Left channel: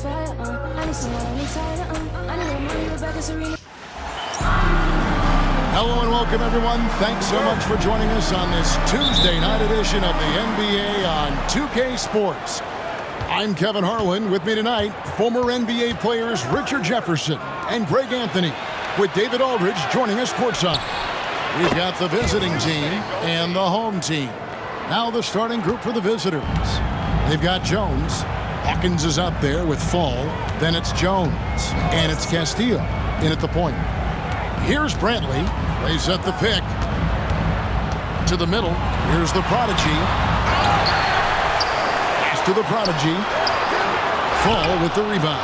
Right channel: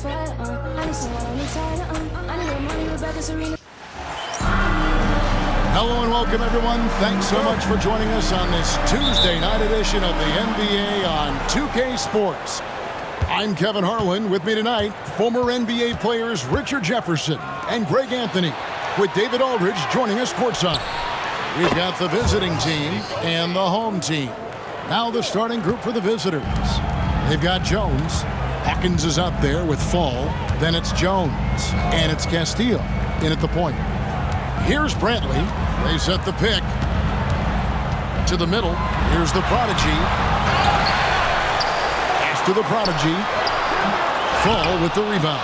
fire. I need someone on the side. I need more money, Rebecca Serena. Hello and welcome, everyone. Thanks so much for joining us on this Tuesday night edition of the NBA on 2K Sports. I'm Kevin Harlan. With me tonight, former NBA players Richard Jefferson and Greg Anthony, with David Aldridge joining us courtside. We've got the visiting team and the home team. Now the starting group for the visitors. They've got Jones. Hawkins is up there with Fall. Then it's Jones. And it's Castillo in at the point. Here's Brantley. They set the pick. To the middle. Here's the Prodigy. Pass to the Prodigy. Fall with the rebound.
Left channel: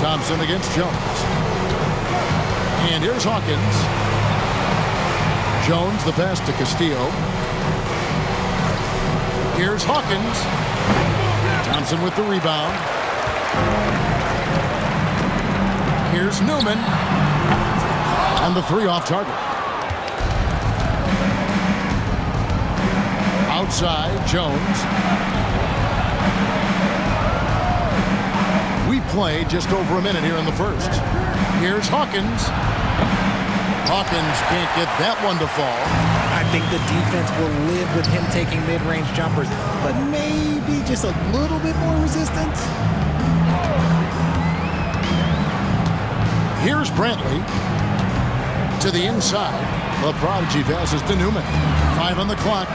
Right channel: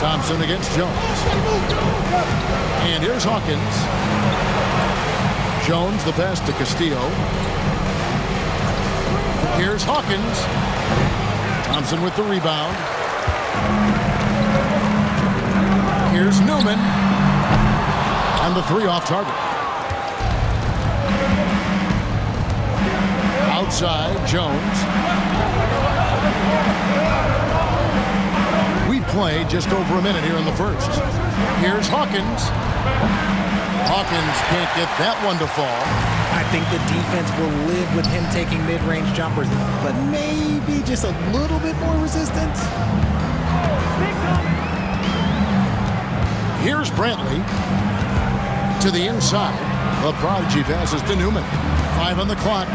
Thompson against Jones. And here's Hawkins. Jones, the pass to Castillo. Here's Hawkins. Thompson with the rebound. Here's Newman. And the three off target. Outside, Jones. We've played just over a minute here in the first. Here's Hawkins. Hawkins can't get that one to fall. I think the defense will live with him taking mid-range jumpers, but maybe just a little bit more resistance. Here's Brantley. To the inside. The Prodigy passes to Newman. 5 on the clock.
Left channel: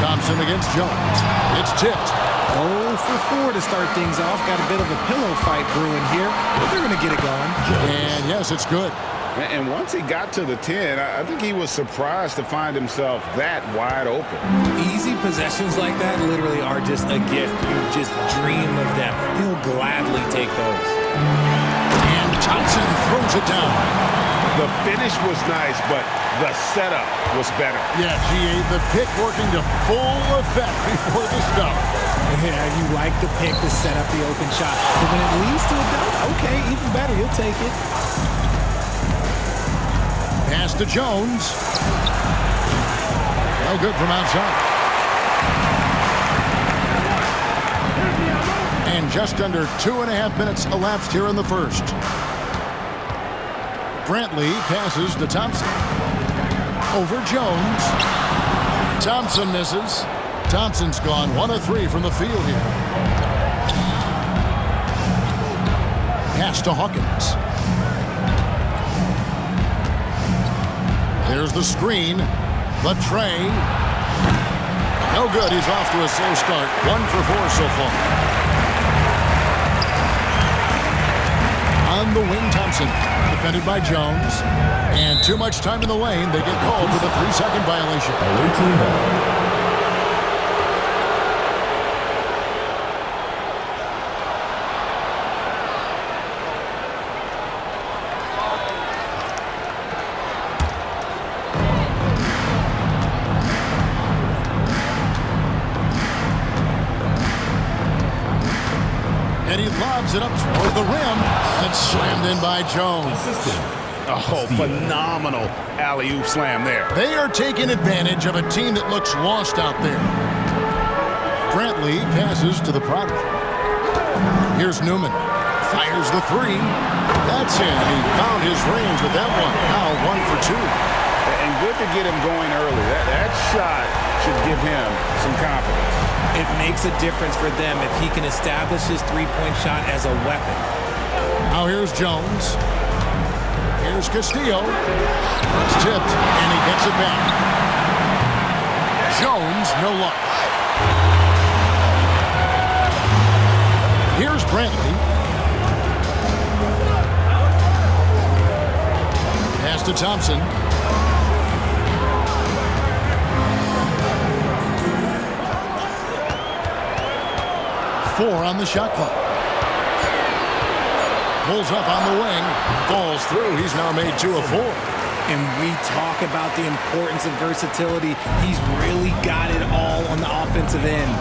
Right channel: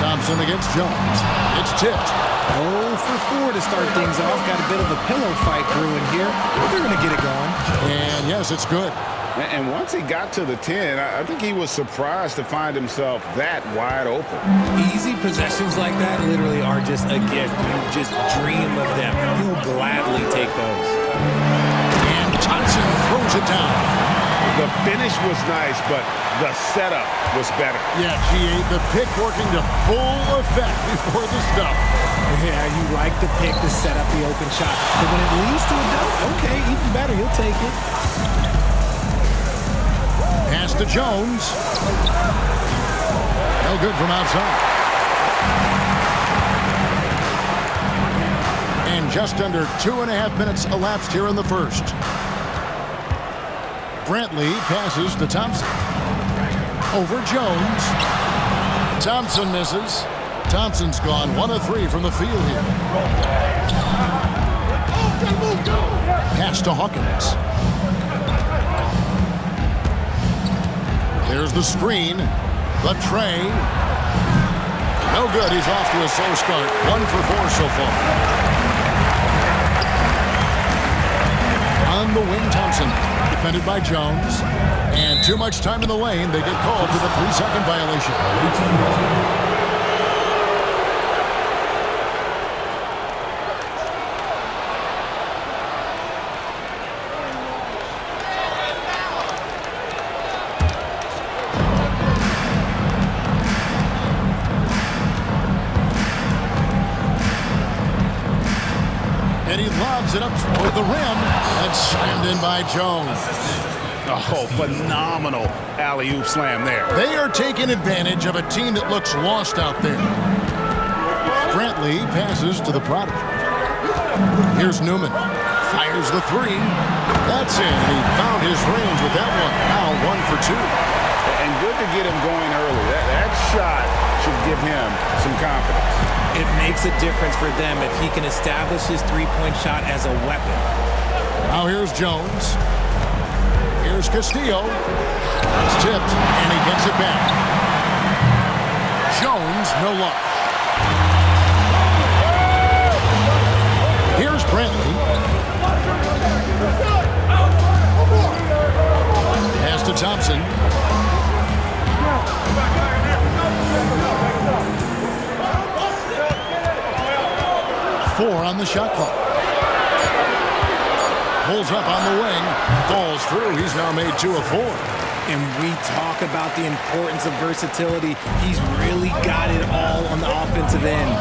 Thompson against Jones. It's tipped. 0 for 4 to start things off. Got a bit of a pillow fight brewing here, but they're going to get it going. And yes, it's good. And once he got to the 10, I think he was surprised to find himself that wide open. Easy possessions like that literally are just a gift. You just dream of them. He'll gladly take those. And Thompson throws it down. The finish was nice, but the setup was better. Yeah, G8, the pick working to full effect before the stuff. Yeah, you like the pick to set up the open shot. But when it leads to a dunk, okay, even better, you'll take it. Pass to Jones. No good from outside. And just under 2.5 minutes elapsed here in the first. Brantley passes to Thompson. Over Jones. Thompson misses. Thompson's gone 1 of 3 from the field here. Pass to Hawkins. There's the screen. The tray. No good. He's off to a slow start. 1 for 4 so far. On the wing, Thompson. Defended by Jones. And too much time in the lane. They get called for the 3-second violation. And he lobs it up toward the rim, and it's slammed in by Jones. Oh, phenomenal alley-oop slam there. They are taking advantage of a team that looks lost out there. Brantley passes to the Prodigy. Here's Newman. Fires the 3. That's in, and he found his range with that one. Now 1 for 2. And good to get him going early. That shot should give him some confidence. It makes a difference for them if he can establish his three-point shot as a weapon. Now here's Jones. Here's Castillo. That's tipped, and he gets it back. Jones, no luck. Here's Brantley. Pass to Thompson. Four on the shot clock. Pulls up on the wing. Falls through. He's now made 2 of 4. And we talk about the importance of versatility. He's really got it all on the offensive end.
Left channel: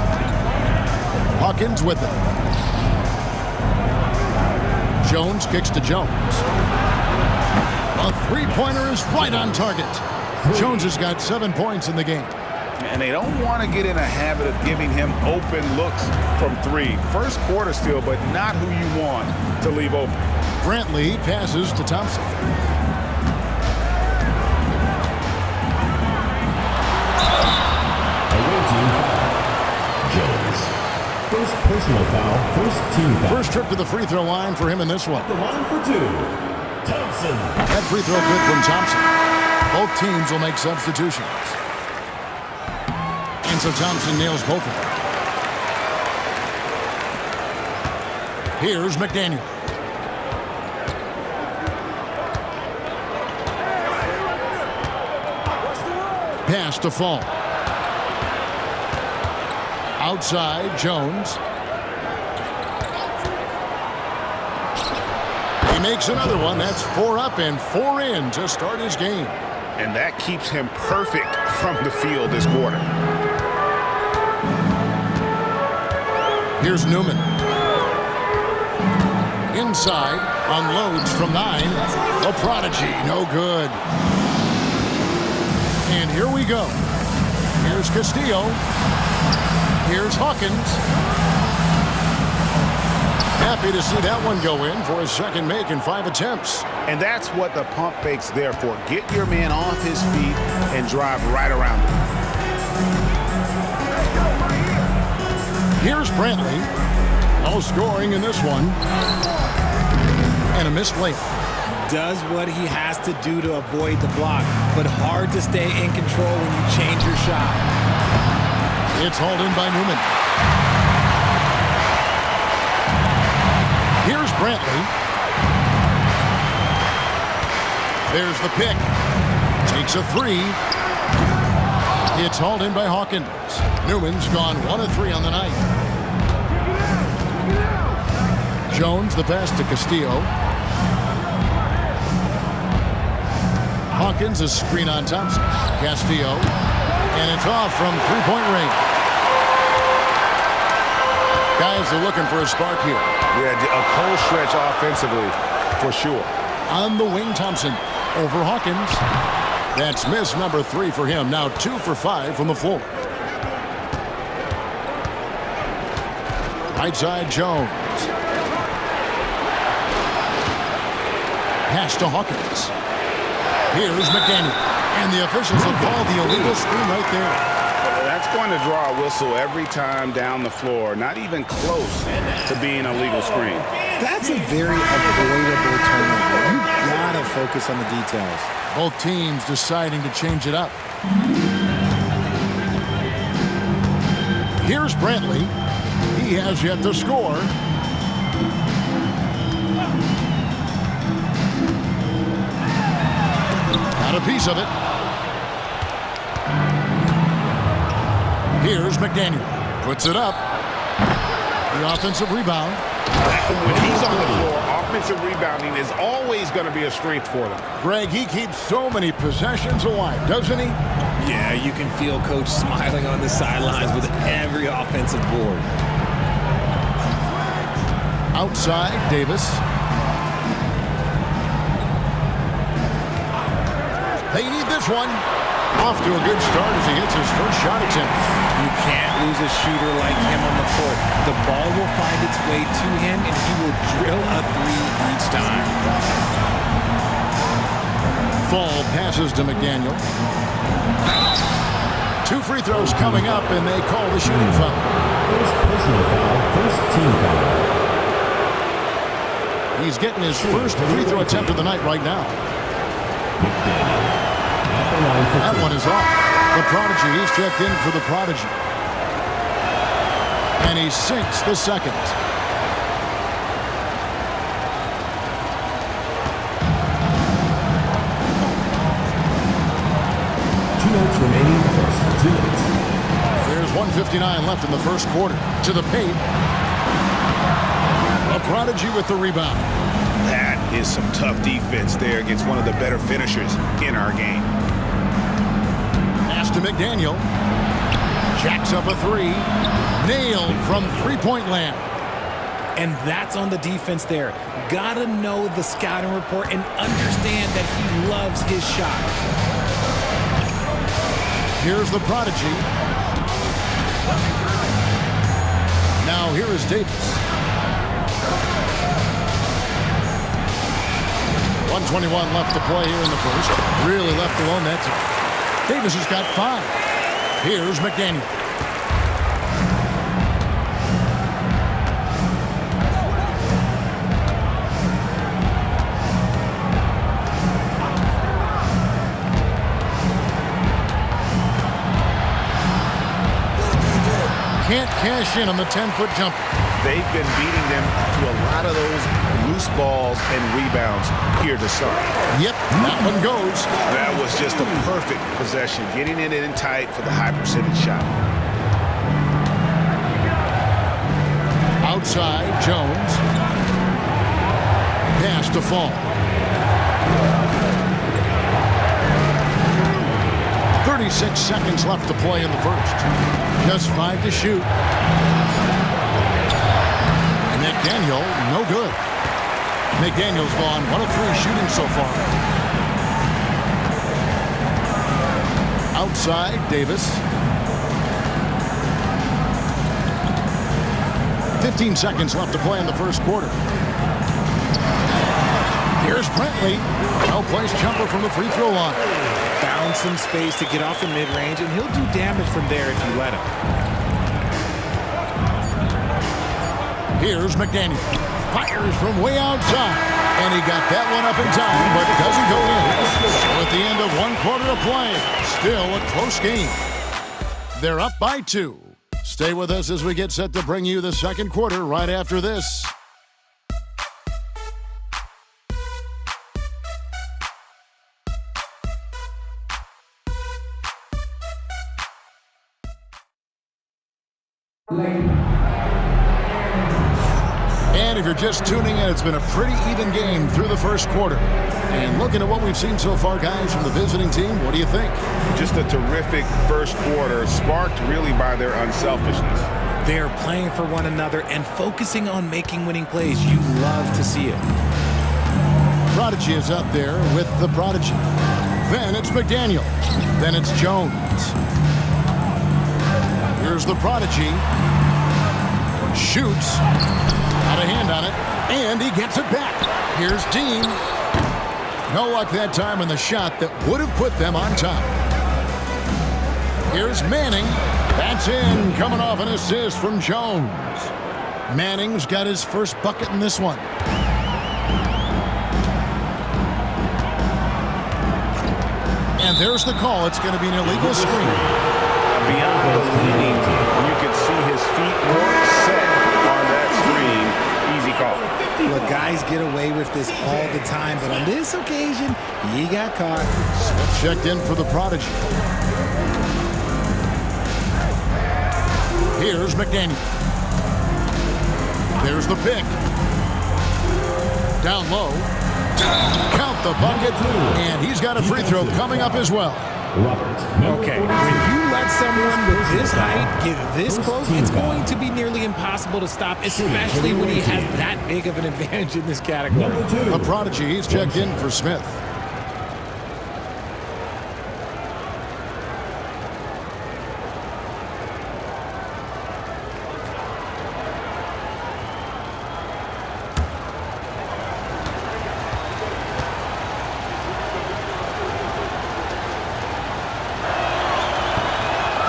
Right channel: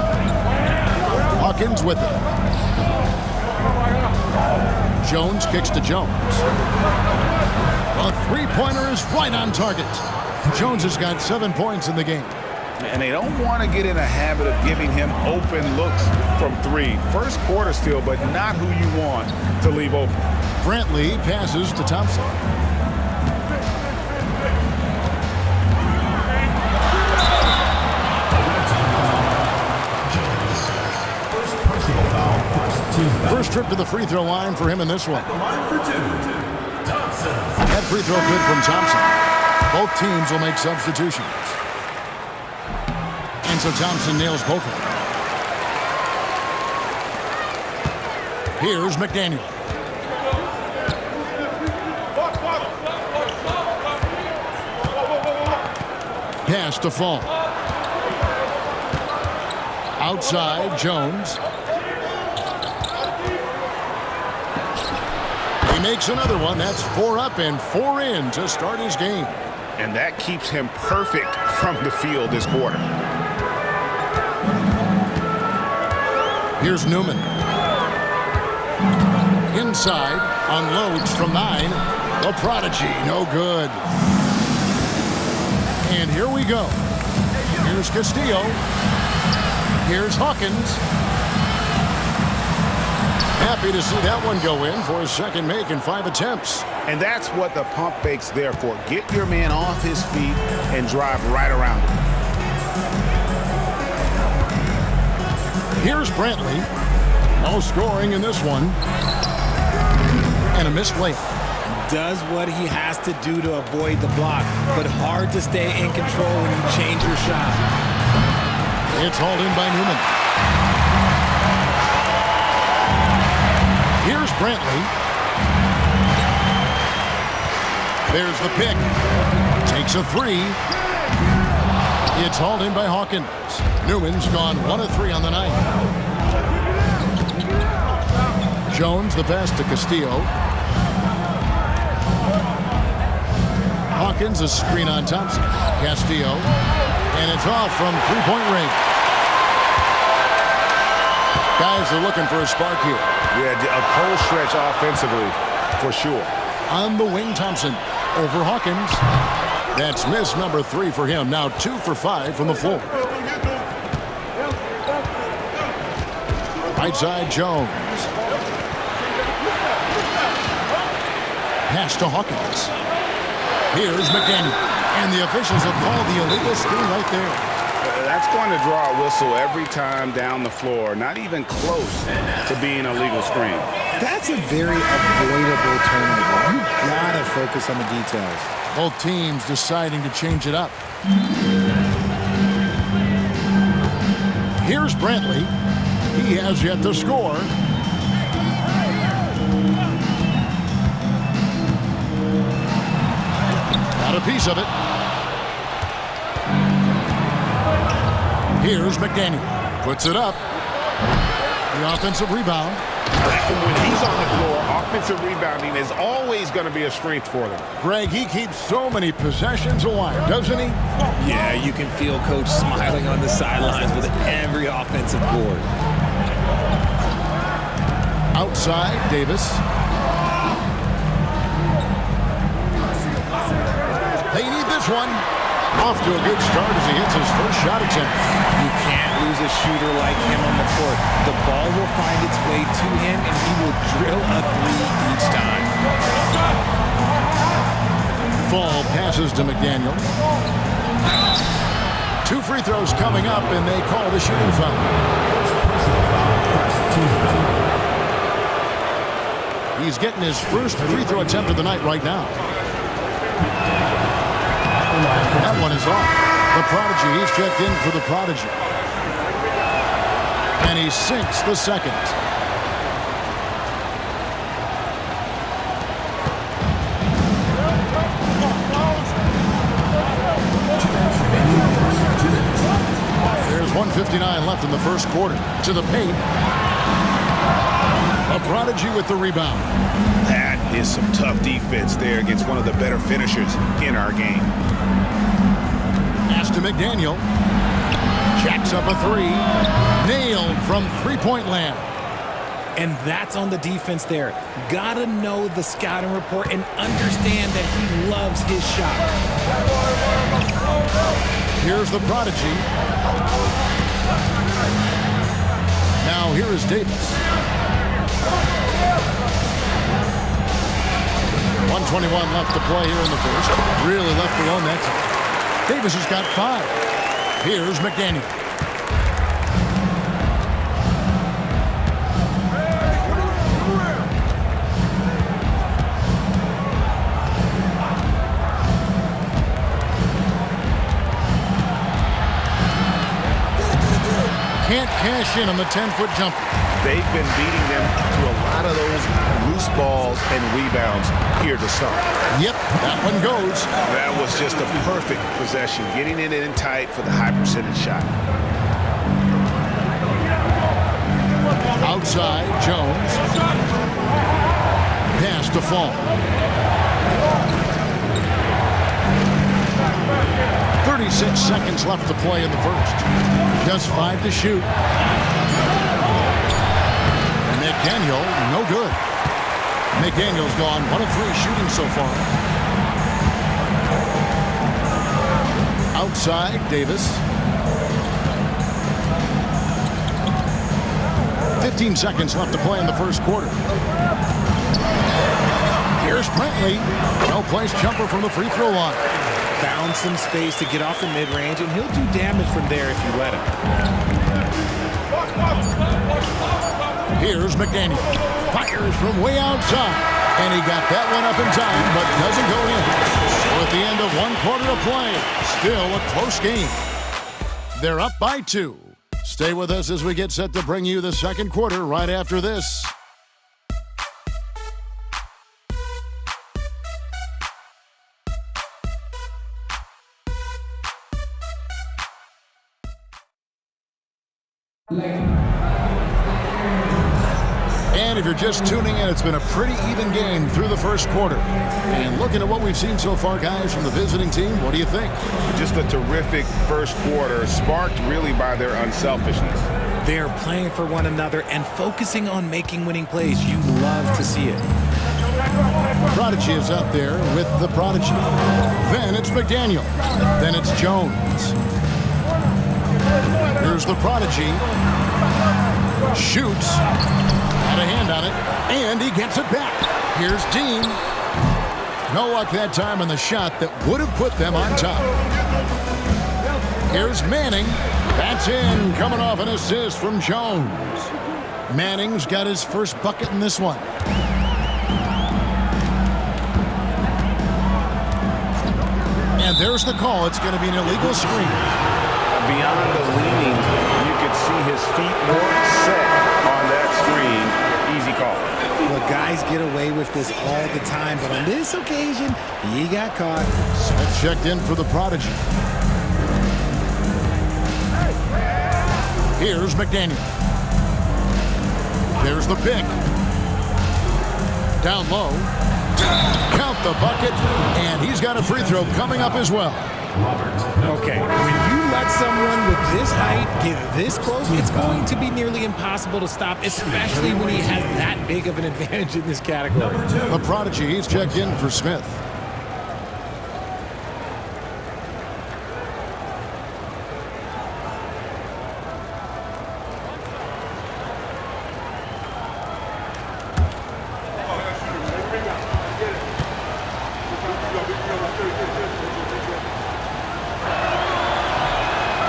Hawkins with it. Jones kicks to Jones. A three-pointer is right on target. Jones has got 7 points in the game. And they don't want to get in a habit of giving him open looks from three. First quarter still, but not who you want to leave open. Brantley passes to Thompson. Away team foul. Jones. First personal foul, first team foul. First trip to the free throw line for him in this one. At the line for two. Thompson. That free throw good from Thompson. Both teams will make substitutions. And so Thompson nails both of them. Here's McDaniel. Pass to Fall. Outside, Jones. He makes another one. That's 4 up and 4 in to start his game. And that keeps him perfect from the field this quarter. Here's Newman. Inside, unloads from 9. The prodigy, no good. And here we go. Here's Castillo. Here's Hawkins. Happy to see that one go in for his second make in 5 attempts. And that's what the pump fake's there for. Get your man off his feet and drive right around him. Here's Brantley. No scoring in this one. And a missed layup. Does what he has to do to avoid the block, but hard to stay in control when you change your shot. It's hauled in by Newman. Here's Brantley. There's the pick. Takes a 3. It's hauled in by Hawkins. Newman's gone 1 of 3 on the night. Jones, the pass to Castillo. Hawkins, a screen on Thompson. Castillo. And it's off from 3-point range. Guys are looking for a spark here. Yeah, a cold stretch offensively for sure. On the wing, Thompson. Over Hawkins. That's miss number 3 for him. Now 2 for 5 from the floor. Right side, Jones. Pass to Hawkins. Here's McDaniel. And the officials will call the illegal screen right there. That's going to draw a whistle every time down the floor. Not even close to being a legal screen. That's a very avoidable turnover. You gotta focus on the details. Both teams deciding to change it up. Here's Brantley. He has yet to score. Got a piece of it. Here's McDaniel. Puts it up. The offensive rebound. When he's on the floor, offensive rebounding is always going to be a strength for them. Greg, he keeps so many possessions alive, doesn't he? Yeah, you can feel Coach smiling on the sidelines with every offensive board. Outside, Davis. They need this one. Off to a good start as he hits his first shot attempt. You can't lose a shooter like him on the court. The ball will find its way to him, and he will drill a 3 each time. Fall passes to McDaniel. 2 free throws coming up, and they call the shooting foul. First personal foul, first team foul. He's getting his first free throw attempt of the night right now. McDaniel. At the line for That two. one is off. The prodigy, he's checked in for the prodigy. And he sinks the second. Two minutes remaining in the first. 2 minutes. There's 1:59 left in the first quarter. To the paint. A prodigy with the rebound. That is some tough defense there against one of the better finishers in our game. Pass to McDaniel. Jacks up a 3. Nailed from 3-point land. And that's on the defense there. Gotta know the scouting report and understand that he loves his shot. Here's the prodigy. Now here is Davis. 1:21 left to play here in the first. Really left alone that time. Davis has got 5. Here's McDaniel. Can't cash in on the 10-foot jumper. They've been beating them to a lot of those loose balls and rebounds here to start. Yep, that one goes. That was just a perfect possession, getting it in tight for the high percentage shot. Outside, Jones. Pass to Fall. 36 seconds left to play in the first. Just 5 to shoot. McDaniel, no good. McDaniel's gone 1 of 3 shooting so far. Outside, Davis. 15 seconds left to play in the first quarter. Here's Brantley. No-place jumper from the free throw line. Found some space to get off the mid-range, and he'll do damage from there if you let him. Here's McDaniel. Fires from way outside. And he got that one up in time, but doesn't go in. So at the end of 1 quarter of play, still a close game. They're up by 2. Stay with us as we get set to bring you the second quarter right after this. And if you're just tuning in, it's been a pretty even game through the first quarter. And looking at what we've seen so far, guys, from the visiting team, what do you think? Just a terrific first quarter, sparked really by their unselfishness. They're playing for one another and focusing on making winning plays. You love to see it. Prodigy is up there with the prodigy. Then it's McDaniel. Then it's Jones. Here's the prodigy. Shoots. Got a hand on it. And he gets it back. Here's Dean. No luck that time on the shot that would have put them on top. Here's Manning. That's in. Coming off an assist from Jones. Manning's got his first bucket in this one. And there's the call. It's going to be an illegal screen. Beyond the leaning, you could see his feet more set on that screen. Easy call. Look, guys get away with this all the time, but on this occasion, he got caught. Smith checked in for the prodigy. Here's McDaniel. There's the pick. Down low. Count the bucket, and he's got a free throw coming up as well. Okay, when you let someone with this height get this close, it's going to be nearly impossible to stop, especially when he has that big of an advantage in this category. The prodigy, he's checked in for Smith.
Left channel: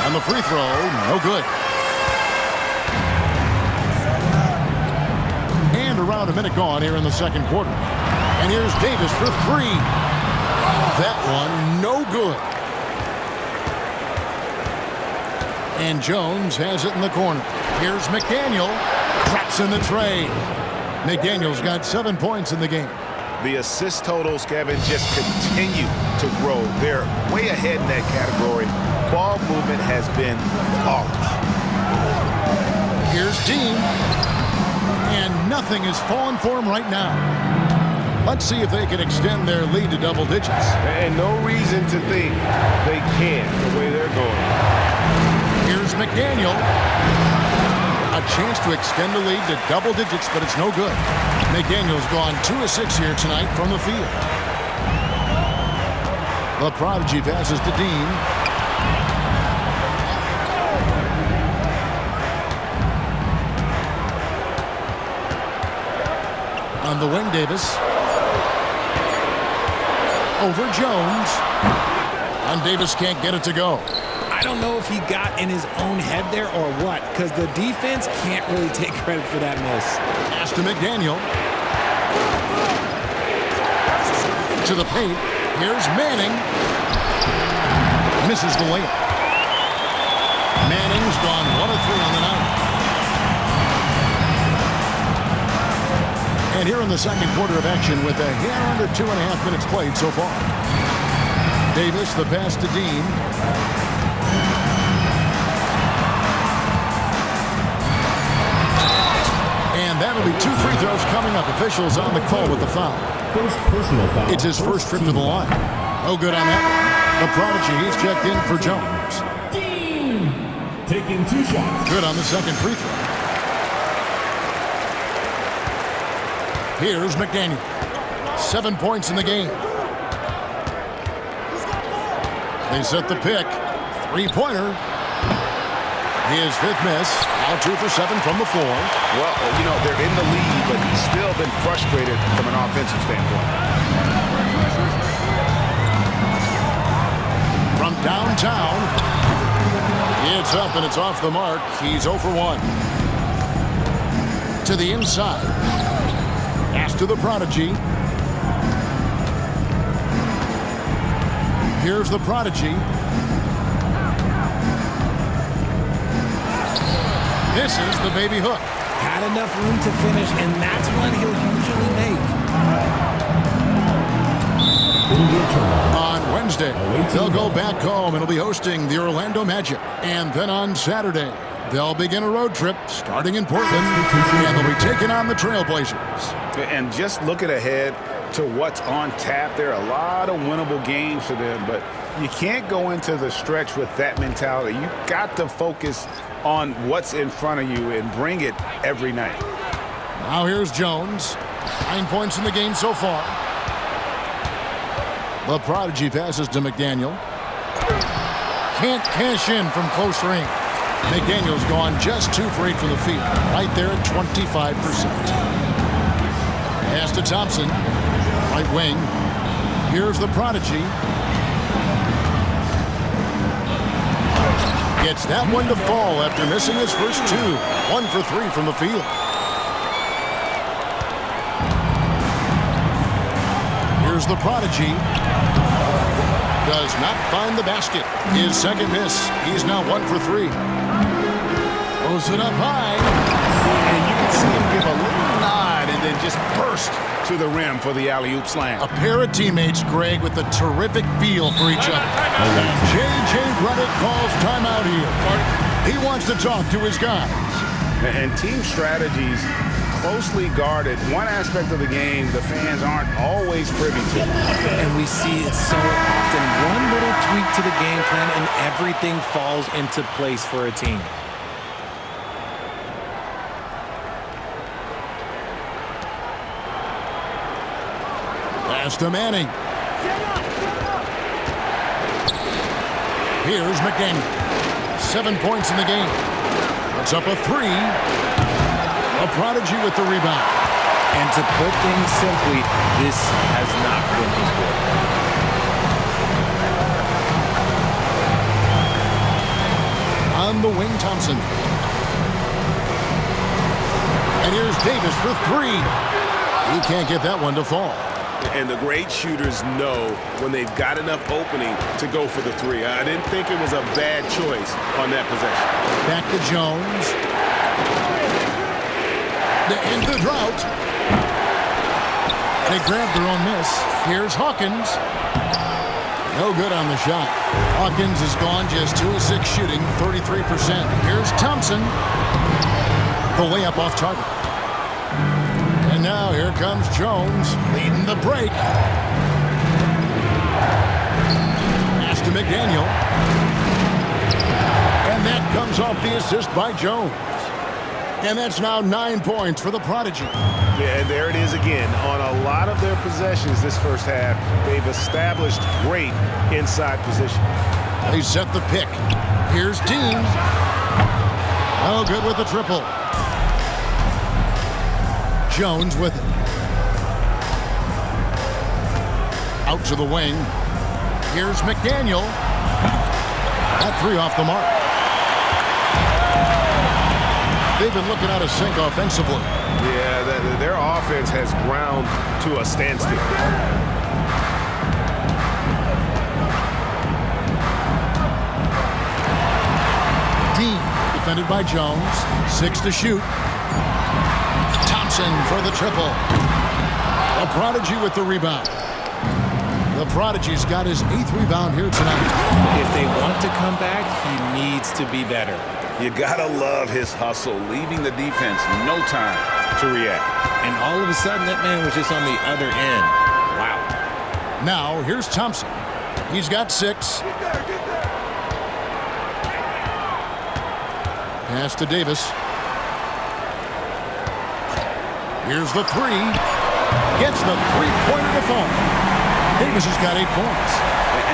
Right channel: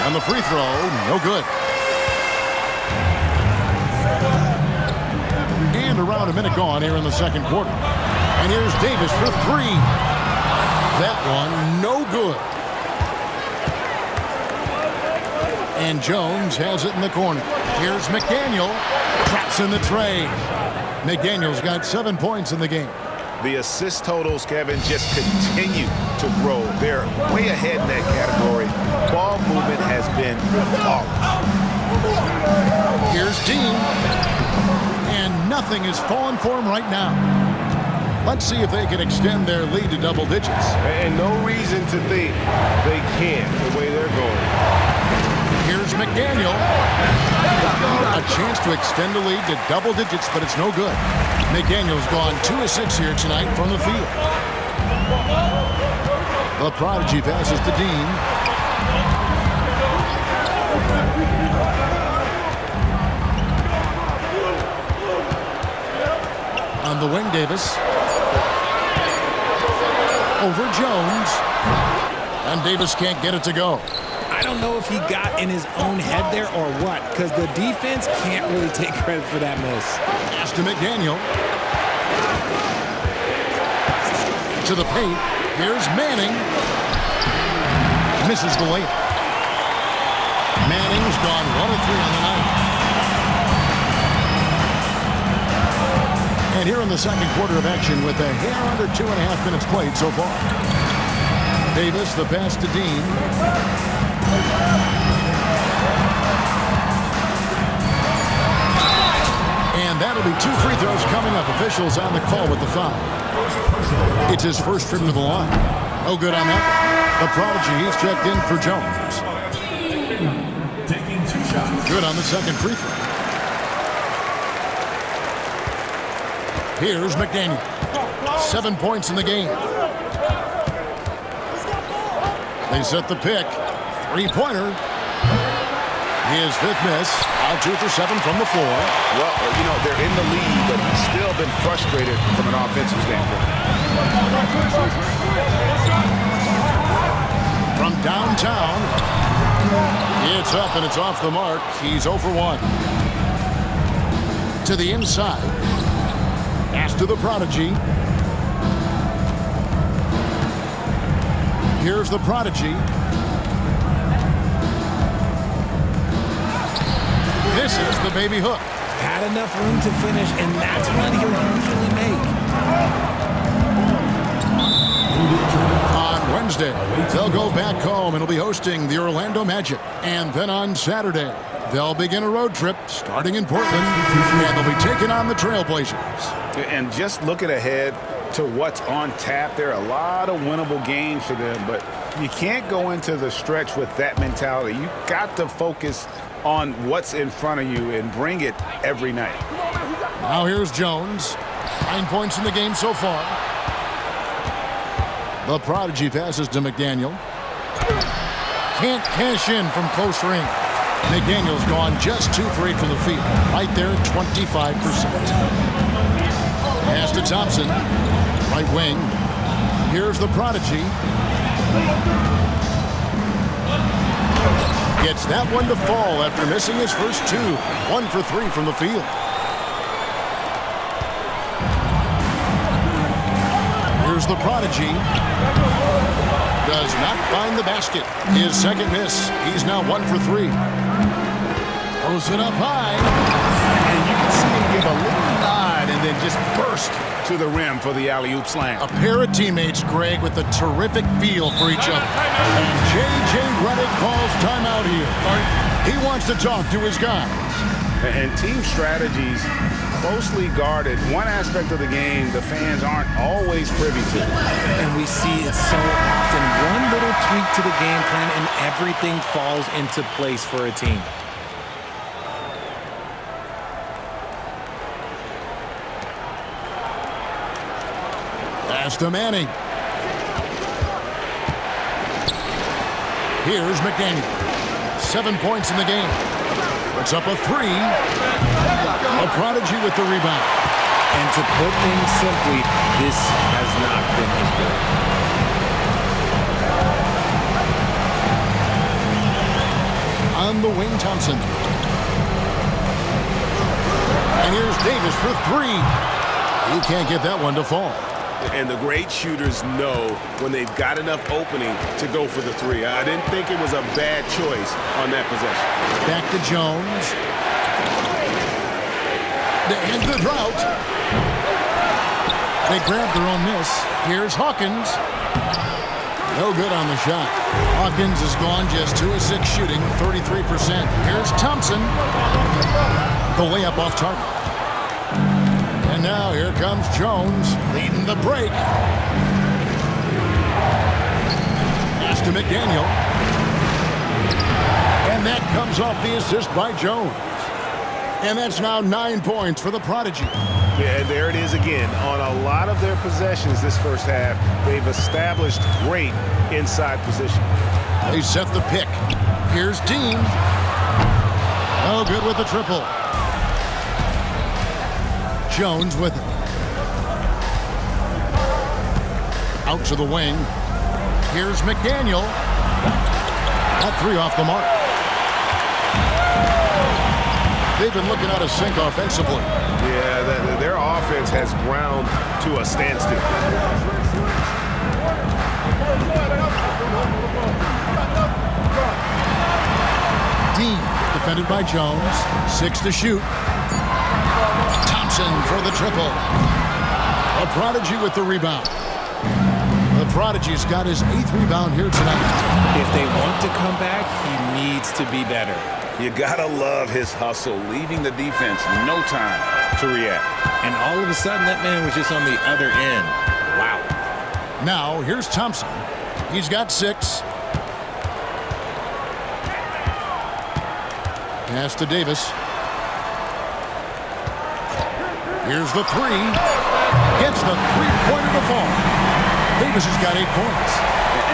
And the free throw, no good. And around a minute gone here in the second quarter. And here's Davis for 3. That one, no good. And Jones has it in the corner. Here's McDaniel. Traps in the tray. McDaniel's got 7 points in the game. The assist totals, Kevin, just continue to grow. They're way ahead in that category. Ball movement has been flawless. Here's Dean. And nothing is falling for him right now. Let's see if they can extend their lead to double digits. And no reason to think they can't the way they're going. Here's McDaniel. A chance to extend the lead to double digits, but it's no good. McDaniel's gone 2 of 6 here tonight from the field. The prodigy passes to Dean. On the wing, Davis. Over Jones. And Davis can't get it to go. I don't know if he got in his own head there or what, because the defense can't really take credit for that miss. Pass to McDaniel. To the paint. Here's Manning. Misses the layup. Manning's gone 1 of 3 on the night. And here in the second quarter of action with a hair under 2.5 minutes played so far. Davis, the pass to Dean. And that'll be 2 free throws coming up. Officials on the call with the foul. It's his first trip to the line. No good on that one. The prodigy, he's checked in for Jones. Taking 2 shots. Good on the second free throw. Here's McDaniel. 7 points in the game. They set the pick. 3-pointer. His 5th miss. Now 2 for 7 from the floor. Well, you know, they're in the lead, but he's still been frustrated from an offensive standpoint. From downtown. It's up and it's off the mark. He's 0 for 1. To the inside. Pass to the prodigy. Here's the prodigy. This is the baby hook. Had enough room to finish, and that's what he'll usually make. On Wednesday, they'll go back home and will be hosting the Orlando Magic. And then on Saturday, they'll begin a road trip starting in Portland, and they'll be taking on the Trailblazers. And just looking ahead to what's on tap, there are a lot of winnable games for them, but you can't go into the stretch with that mentality. You got to focus on what's in front of you and bring it every night. Now here's Jones. 9 points in the game so far. The prodigy passes to McDaniel. Can't cash in from close range. McDaniel's gone just 2 for 8 from the field. Right there at 25%. Pass to Thompson. Right wing. Here's the prodigy. Gets that one to fall after missing his first 2. 1 for 3 from the field. Here's the prodigy. Does not find the basket. His second miss. He's now 1 for 3. Throws it up high. And you can see him give a little nod and then just burst to the rim for the alley-oop slam. A pair of teammates, Greg, with a terrific feel for each other. And J.J. Redick calls timeout here. He wants to talk to his guys. And team strategies closely guarded. One aspect of the game the fans aren't always privy to. And we see it so often. One little tweak to the game plan and everything falls into place for a team. Pass to Manning. Here's McDaniel. 7 points in the game. Puts up a 3. A prodigy with the rebound. And to put things simply, this has not been his work. On the wing, Thompson. And here's Davis for 3. He can't get that one to fall. And the great shooters know when they've got enough opening to go for the 3. I didn't think it was a bad choice on that possession. Back to Jones. To end the drought. They grab their own miss. Here's Hawkins. No good on the shot. Hawkins has gone just 2 of 6 shooting, 33%. Here's Thompson. The layup off target. And now here comes Jones leading the break. Pass to McDaniel. And that comes off the assist by Jones. And that's now 9 points for the prodigy. Yeah, and there it is again. On a lot of their possessions this first half, they've established great inside position. They set the pick. Here's Dean. No good with the triple. Jones with it. Out to the wing. Here's McDaniel. That three off the mark. They've been looking out of sync offensively. Yeah, their offense has ground to a standstill. Dean, defended by Jones. 6 to shoot. Thompson for the triple. A Prodigy with the rebound. The Prodigy's got his 8th rebound here tonight. If they want to come back, he needs to be better. You gotta love his hustle, leaving the defense no time to react. And all of a sudden, that man was just on the other end. Wow. Now, here's Thompson. He's got 6. Pass to Davis. Here's the 3. Gets the three-pointer to fall. Davis has got 8 points.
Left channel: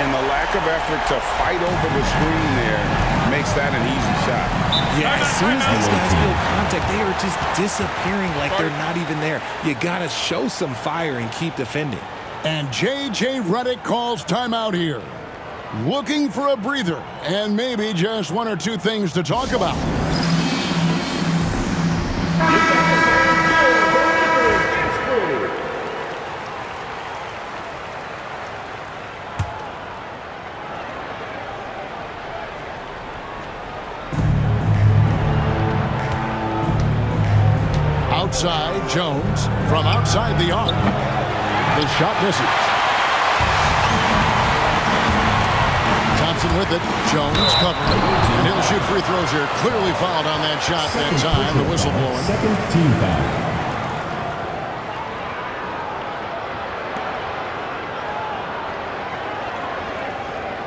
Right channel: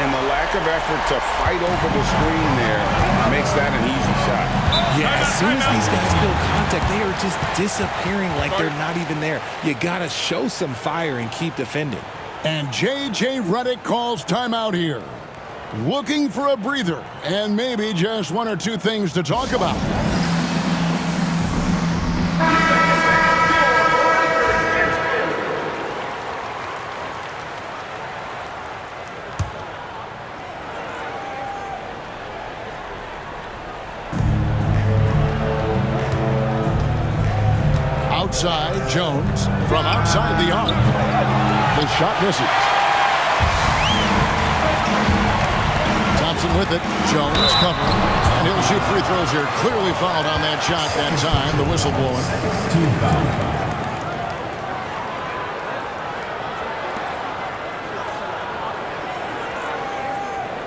And the lack of effort to fight over the screen there makes that an easy shot. Yeah, as soon as these guys feel contact, they are just disappearing like they're not even there. You got to show some fire and keep defending. And J.J. Redick calls timeout here. Looking for a breather and maybe just 1 or 2 things to talk about. Outside, Jones from outside the arc. The shot misses. Thompson with it. Jones covering. And he'll shoot free throws here. Clearly fouled on that shot that time. The whistle blowing. Second team foul.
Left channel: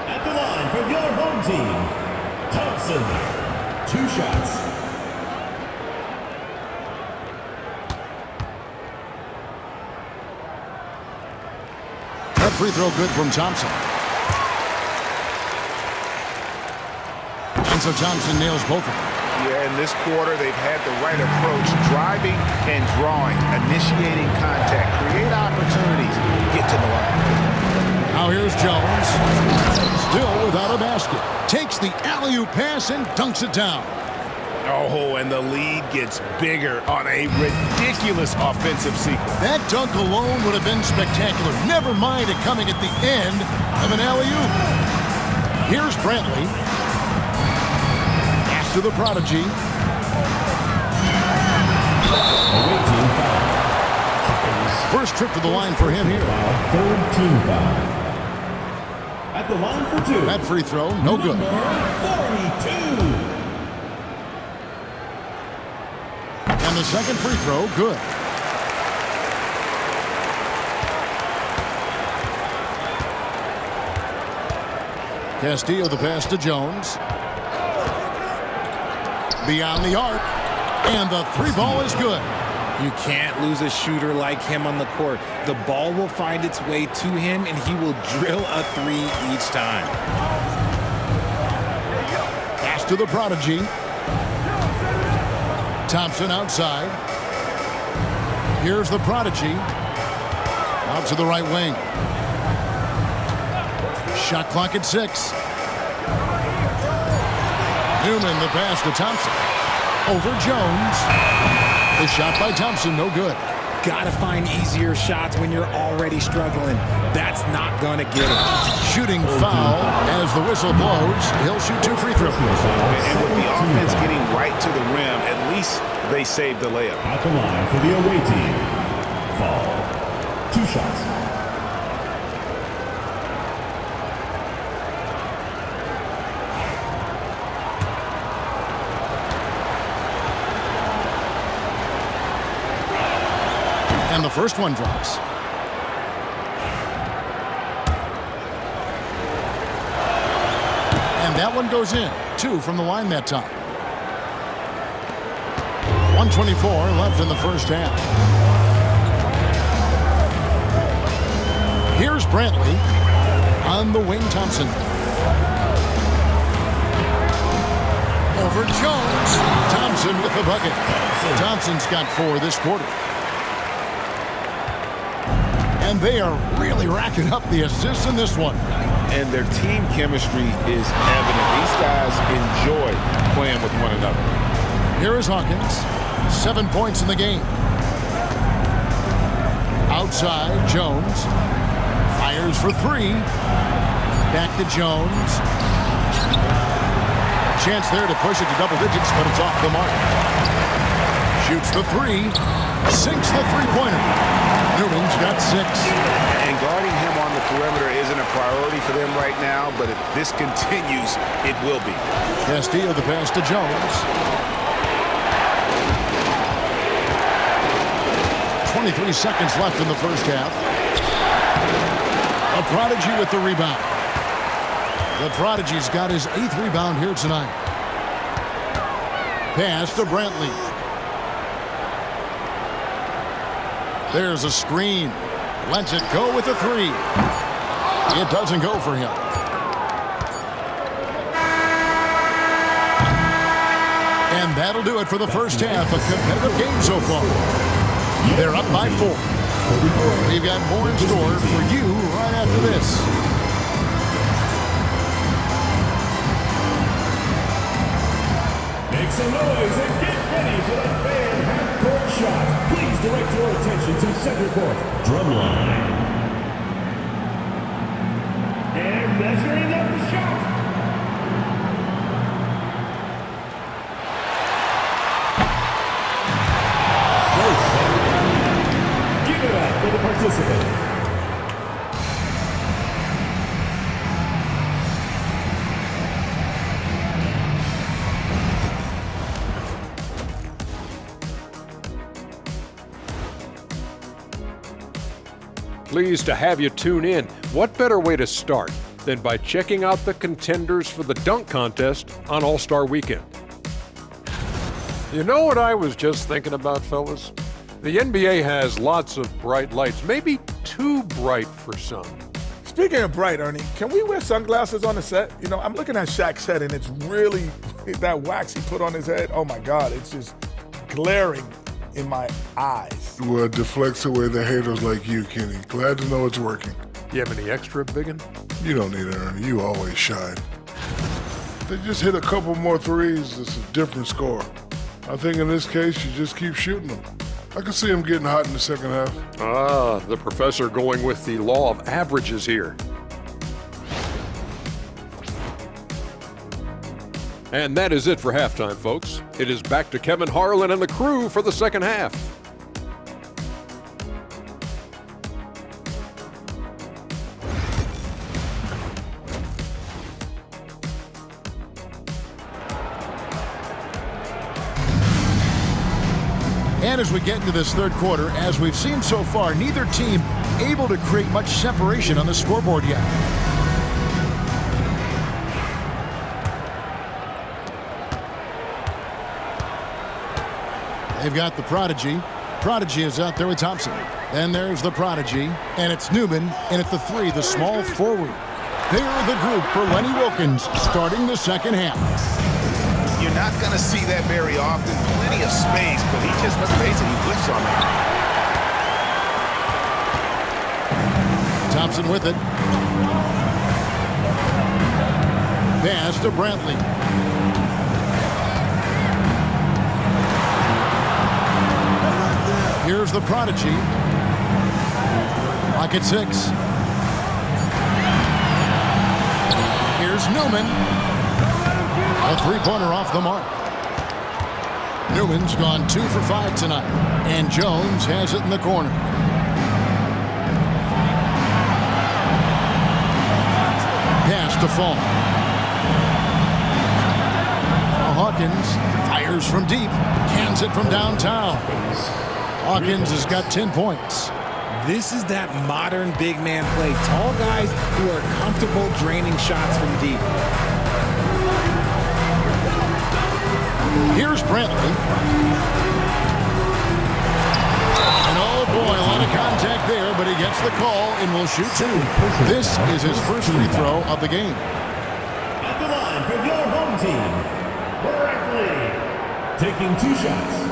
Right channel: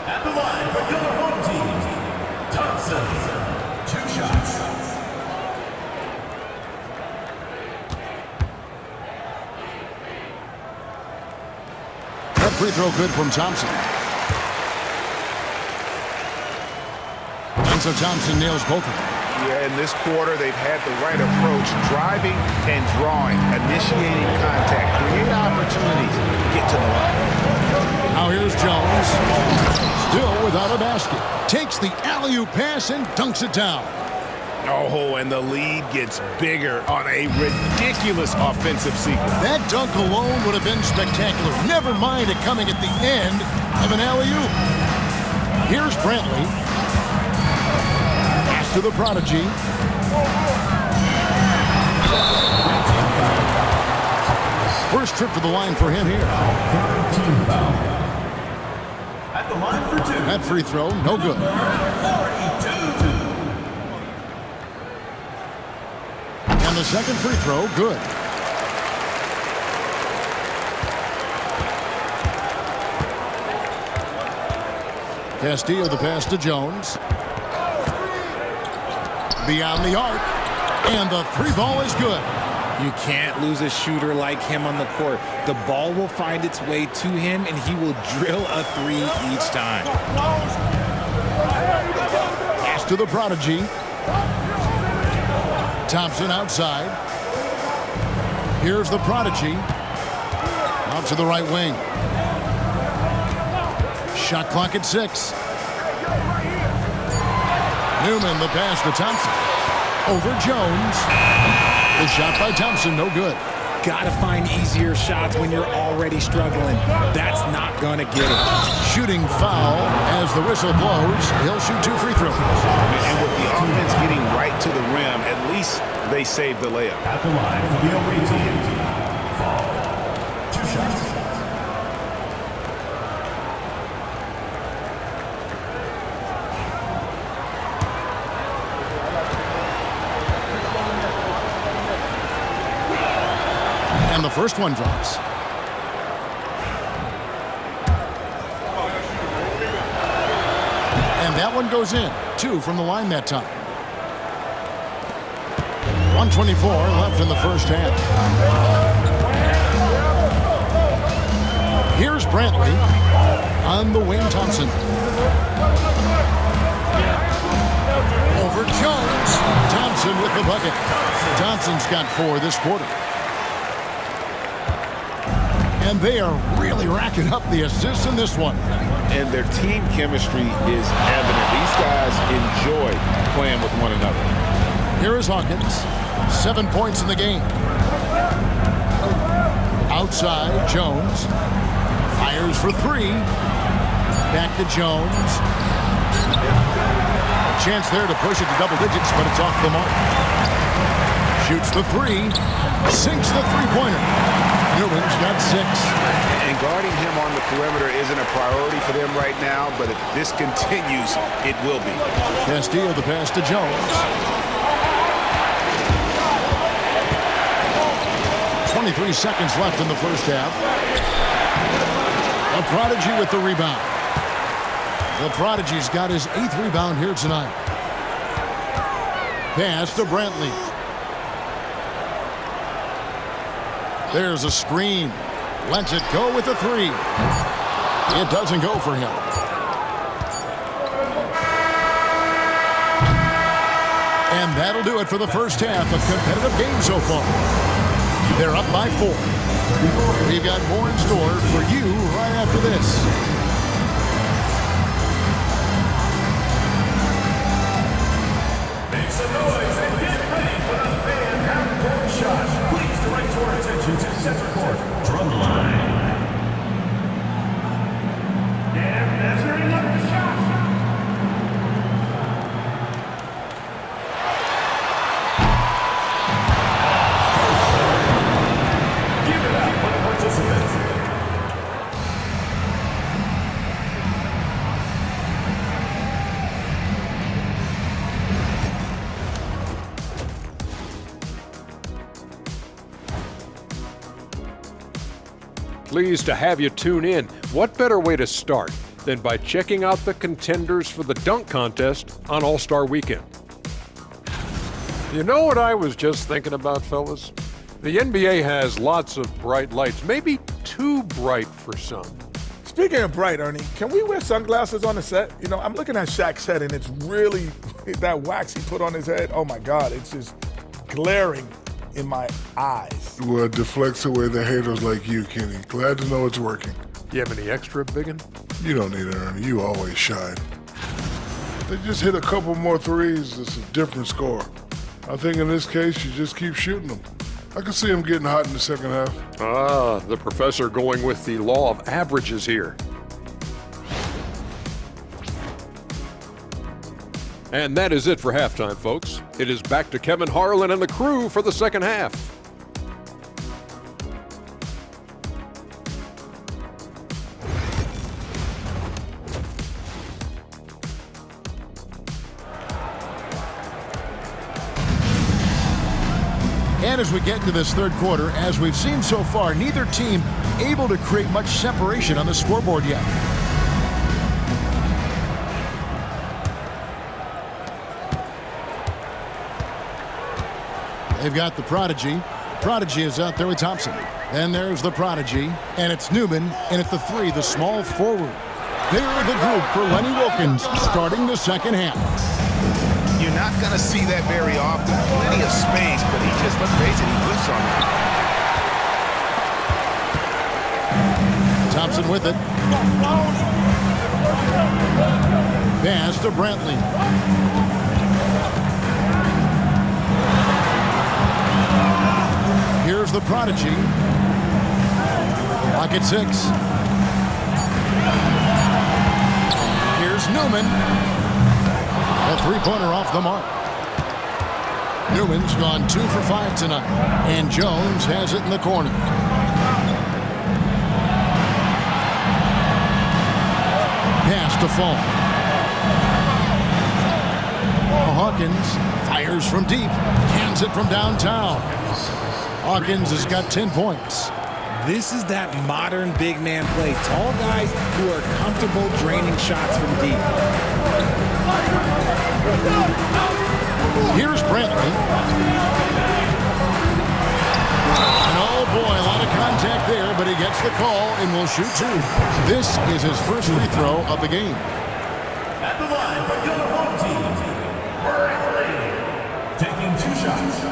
At the line for your home team, Thompson. 2 shots. That free throw good from Thompson. And so Thompson nails both of them. Yeah, in this quarter, they've had the right approach, driving and drawing, initiating contact, create opportunities, get to the line. Now here's Jones. Still without a basket. Takes the alley-oop pass and dunks it down. Oh, and the lead gets bigger on a ridiculous offensive sequence. That dunk alone would have been spectacular. Never mind it coming at the end of an alley-oop. Here's Brantley. Pass to the Prodigy. First trip to the line for him here. Third team foul. At the line for 2. That free throw, no good. 42. And the second free throw, good. Castillo the pass to Jones. Beyond the arc. And the 3 ball is good. You can't lose a shooter like him on the court. The ball will find its way to him, and he will drill a 3 each time. Pass to the Prodigy. Thompson outside. Here's the Prodigy. Out to the right wing. Shot clock at 6. Newman the pass to Thompson. Over Jones. The shot by Thompson, no good. Gotta find easier shots when you're already struggling. That's not gonna get it. Shooting foul as the whistle blows. He'll shoot 2 free throws. And with the offense getting right to the rim, at least they saved the layup. At the line for the away team, Fall. 2 shots. And the first one drops. And that one goes in. 2 from the line that time. 1:24 left in the first half. Here's Brantley on the wing. Thompson. Over Jones. Thompson with the bucket. Thompson's got 4 this quarter. And they are really racking up the assists in this one. And their team chemistry is evident. These guys enjoy playing with one another. Here is Hawkins. 7 points in the game. Outside, Jones. Fires for three. Back to Jones. A chance there to push it to double digits, but it's off the mark. Shoots the three. Sinks the three-pointer. Newman's got 6. And guarding him on the perimeter isn't a priority for them right now, but if this continues, it will be. Castillo the pass to Jones. 23 seconds left in the first half. The Prodigy with the rebound. The Prodigy's got his 8th rebound here tonight. Pass to Brantley. There's a screen. Lets it go with a 3. It doesn't go for him. And that'll do it for the first half of competitive game so far. They're up by 4. We've got more in store for you right after this. Make some noise and get ready for the fan half-court shot. Please direct your attention to center court. Drumline. They're measuring up the shot. Give it up for the participants. Pleased to have you tune in. What better way to start than by checking out the contenders for the dunk contest on All-Star Weekend? You know what I was just thinking about, fellas? The NBA has lots of bright lights, maybe too bright for some. Speaking of bright, Ernie, can we wear sunglasses on the set? You know, I'm looking at Shaq's head, and it's really, that wax he put on his head, oh my God, it's just glaring in my eyes. Well, it deflects away the haters like you, Kenny. Glad to know it's working. You have any extra, biggin? You don't need it, Ernie. You always shine. If they just hit a couple more threes, it's a different score. I think in this case, you just keep shooting them. I can see them getting hot in the second half. Ah, the professor going with the law of averages here. And that is it for halftime, folks. It is back to Kevin Harlan and the crew for the second half. And as we get into this third quarter, as we've seen so far, neither team able to create much separation on the scoreboard yet. They've got the Prodigy. Prodigy is out there with Thompson. Then there's the Prodigy, and it's Newman in at the 3, the small forward. They're the group for Lenny Wilkens starting the second half. You're not going to see that very often. Plenty of space, but he just, let's face it, he whiffs on that. Thompson with it. Pass to Brantley. Here's the Prodigy. Lock at 6. Here's Newman. A three-pointer off the mark. Newman's gone 2 for 5 tonight. And Jones has it in the corner. Pass to Fall. Now Hawkins fires from deep. Cans it from downtown. Hawkins has got 10 points. This is that modern big man play. Tall guys who are comfortable draining shots from deep. Here's Brantley. And oh boy, a lot of contact there, but he gets the call and will shoot 2. This is his first free throw of the game. At the line for your home team, Brantley, taking 2 shots.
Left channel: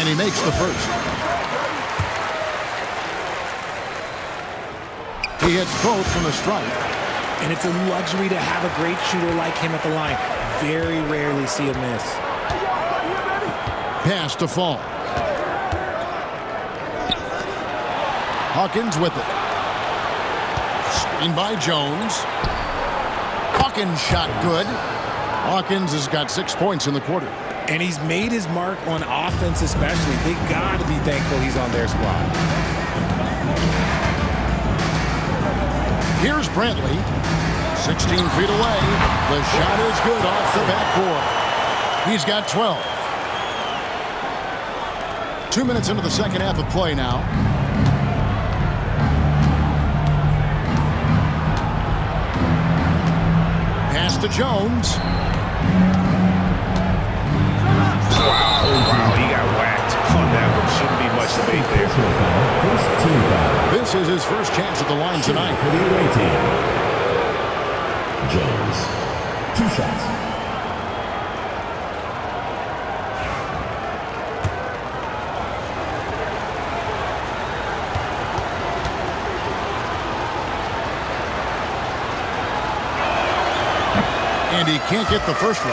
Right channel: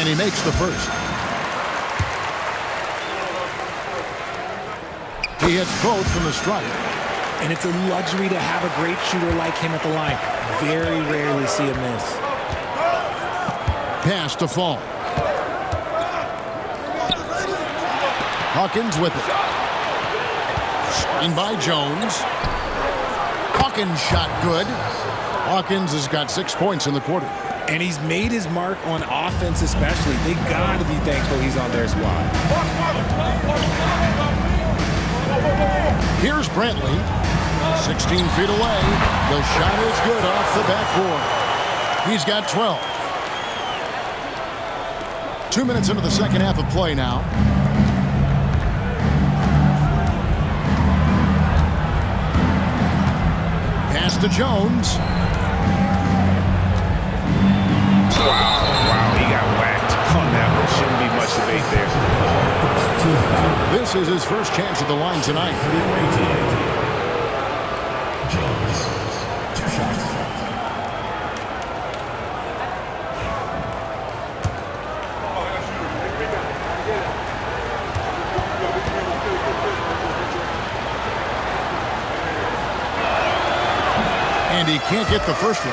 And he makes the first. He hits both from the stripe. And it's a luxury to have a great shooter like him at the line. Very rarely see a miss. Pass to Fall. Hawkins with it. Screen by Jones. Hawkins shot good. Hawkins has got 6 points in the quarter. And he's made his mark on offense especially. They got to be thankful he's on their squad. Here's Brantley. 16 feet away. The shot is good off the backboard. He's got 12. 2 minutes into the second half of play now. Pass to Jones. Wow, he got whacked on that one. Shouldn't be much debate there. This is his first chance at the line tonight. For the away team, Jones, 2 shots. And he can't get the first one.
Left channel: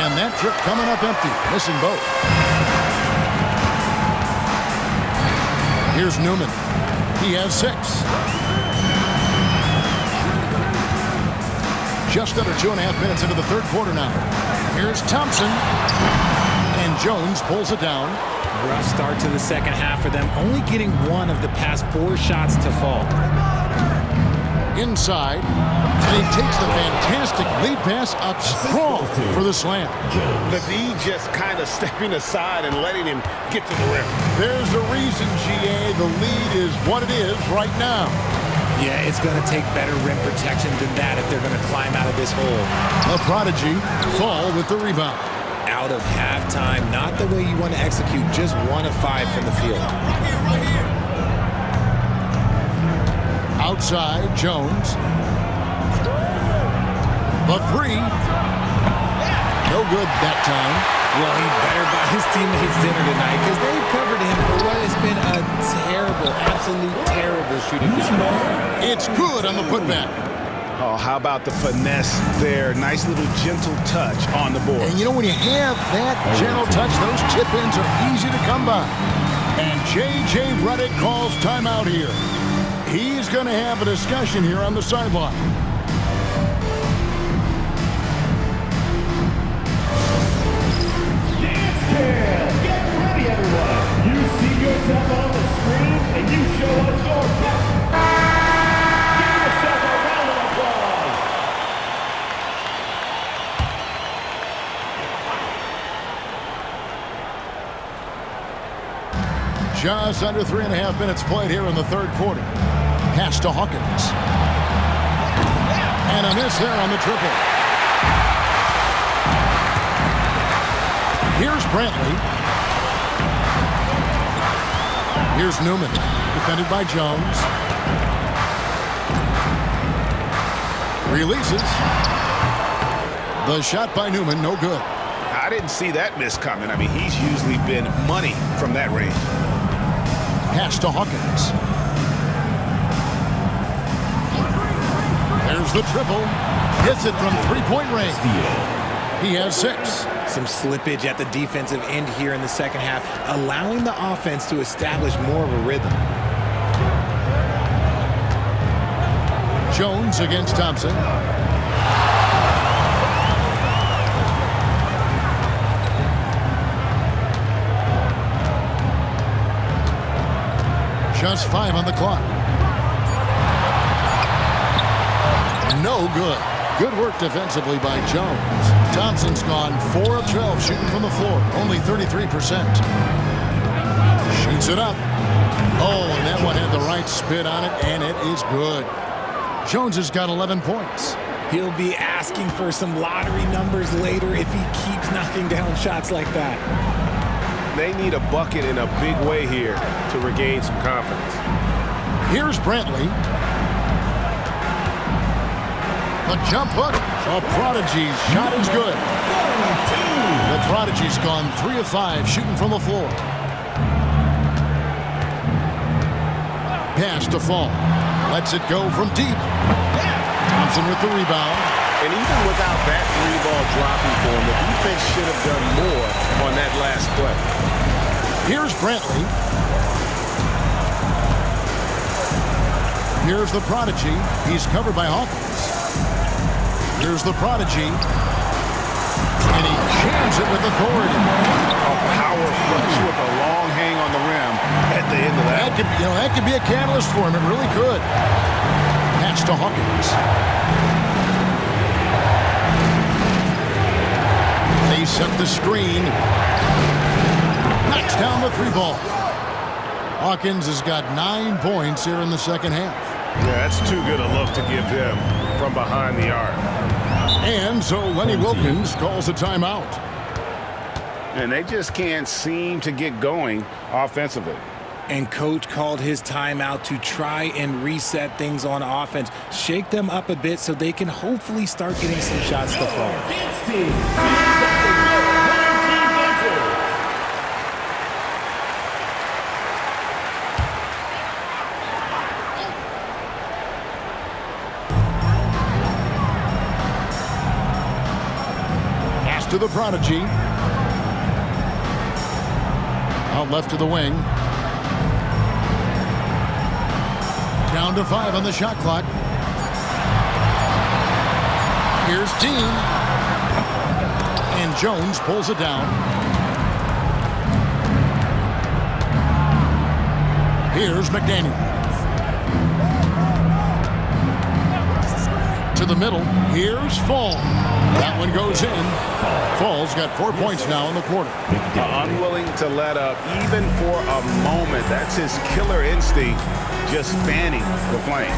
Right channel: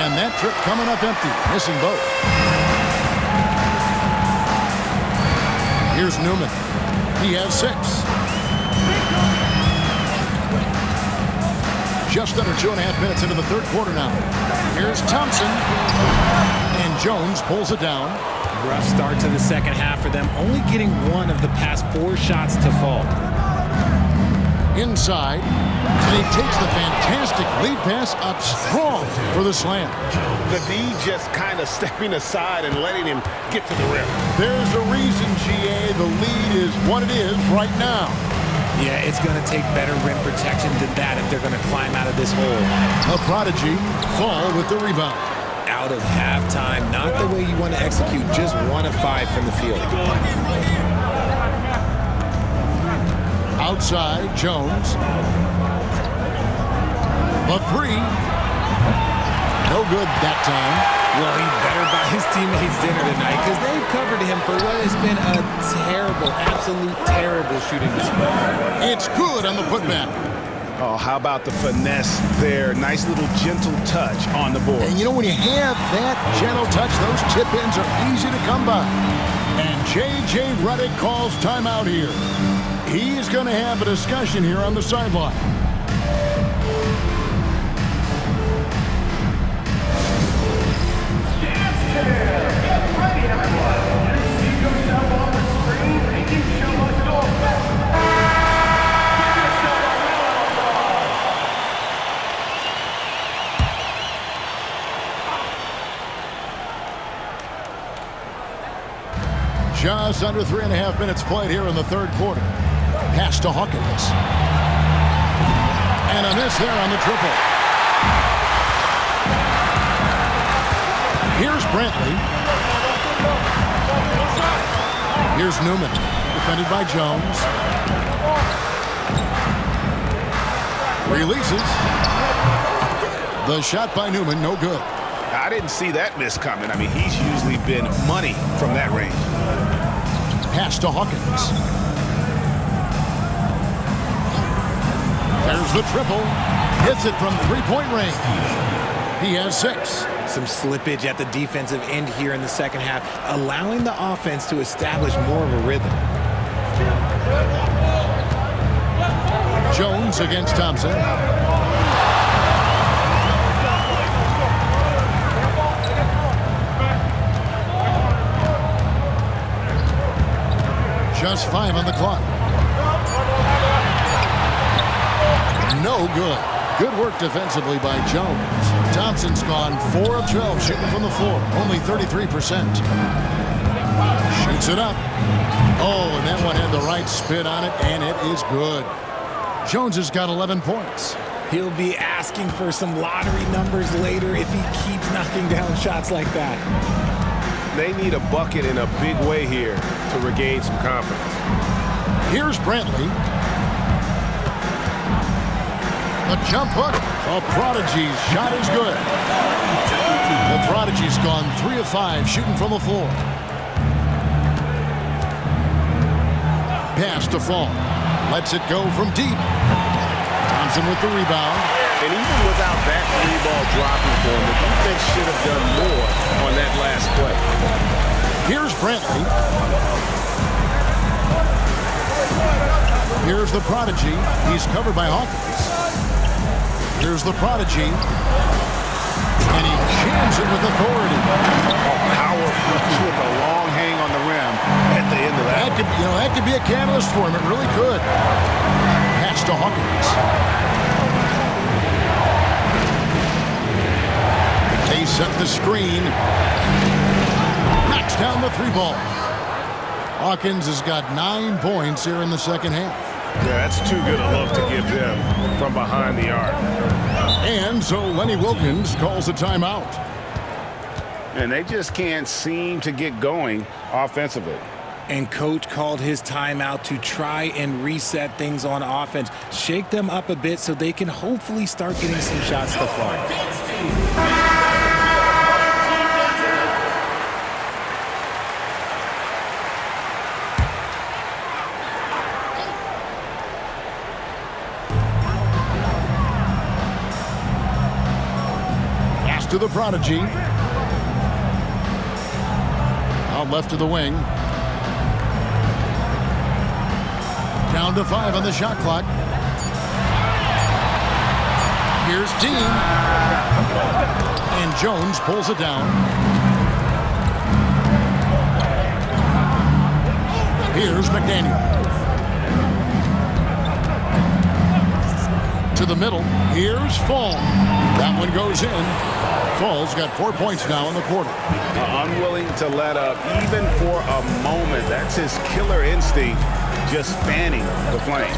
And that trip coming up empty, missing both. Here's Newman. He has 6. Just under 2.5 minutes into the third quarter now. Here's Thompson. And Jones pulls it down. Rough start to the second half for them, only getting 1 of the past 4 shots to fall. Inside. And he takes the fantastic lead pass up strong for the slam. The D just kind of stepping aside and letting him get to the rim. There's a reason, GA, the lead is what it is right now. Yeah, it's going to take better rim protection than that if they're going to climb out of this hole. A prodigy, Fall with the rebound. Out of halftime, not the way you want to execute, just 1 of 5 from the field. Outside, Jones. The 3. No good that time. Well, he better buy his teammates dinner tonight because they've covered him for what has been a terrible, absolute terrible shooting display. It's good on the putback. Oh, how about the finesse there? Nice little gentle touch on the board. And you know, when you have that gentle touch, those tip-ins are easy to come by. And J.J. Redick calls timeout here. He's going to have a discussion here on the sideline. Get ready, everyone. You see yourself on the screen, and you show us your best. Give yourself a round of applause. Just under 3.5 minutes played here in the third quarter. Pass to Hawkins. And a miss there on the triple. Here's Brantley. Here's Newman, defended by Jones. Releases. The shot by Newman, no good. I didn't see that miss coming. I mean, he's usually been money from that range. Pass to Hawkins. There's the triple. Hits it from three-point range. He has 6. Some slippage at the defensive end here in the second half, allowing the offense to establish more of a rhythm. Jones against Thompson. Just 5 on the clock. No good. Good work defensively by Jones. Thompson's gone 4 of 12 shooting from the floor, only 33%. Shoots it up. Oh, and that one had the right spin on it, and it is good. Jones has got 11 points. He'll be asking for some lottery numbers later if he keeps knocking down shots like that. They need a bucket in a big way here to regain some confidence. Here's Brantley. A jump hook. A Prodigy's shot is good. The Prodigy's gone 3 of 5 shooting from the floor. Pass to Fall. Lets it go from deep. Thompson with the rebound. And even without that 3-ball dropping for him, the defense should have done more on that last play. Here's Brantley. Here's the Prodigy. He's covered by Hawkins. Here's the Prodigy. And he jams it with authority. Oh, power flush with a long hang on the rim at the end of that. That could be a catalyst for him. It really could. Pass to Hawkins. They set the screen. Knocks down the 3-ball. Hawkins has got 9 points here in the second half. Yeah, that's too good a look to give them from behind the arc. And so Lenny Wilkins calls a timeout. And they just can't seem to get going offensively. And coach called his timeout to try and reset things on offense. Shake them up a bit so they can hopefully start getting some shots to fly. To the Prodigy. Out left to the wing. Down to 5 on the shot clock. Here's Dean. And Jones pulls it down. Here's McDaniel. To the middle. Here's Fall. That one goes in. Fall's got 4 points now in the quarter. Unwilling to let up even for a moment. That's his killer instinct, just fanning the flame.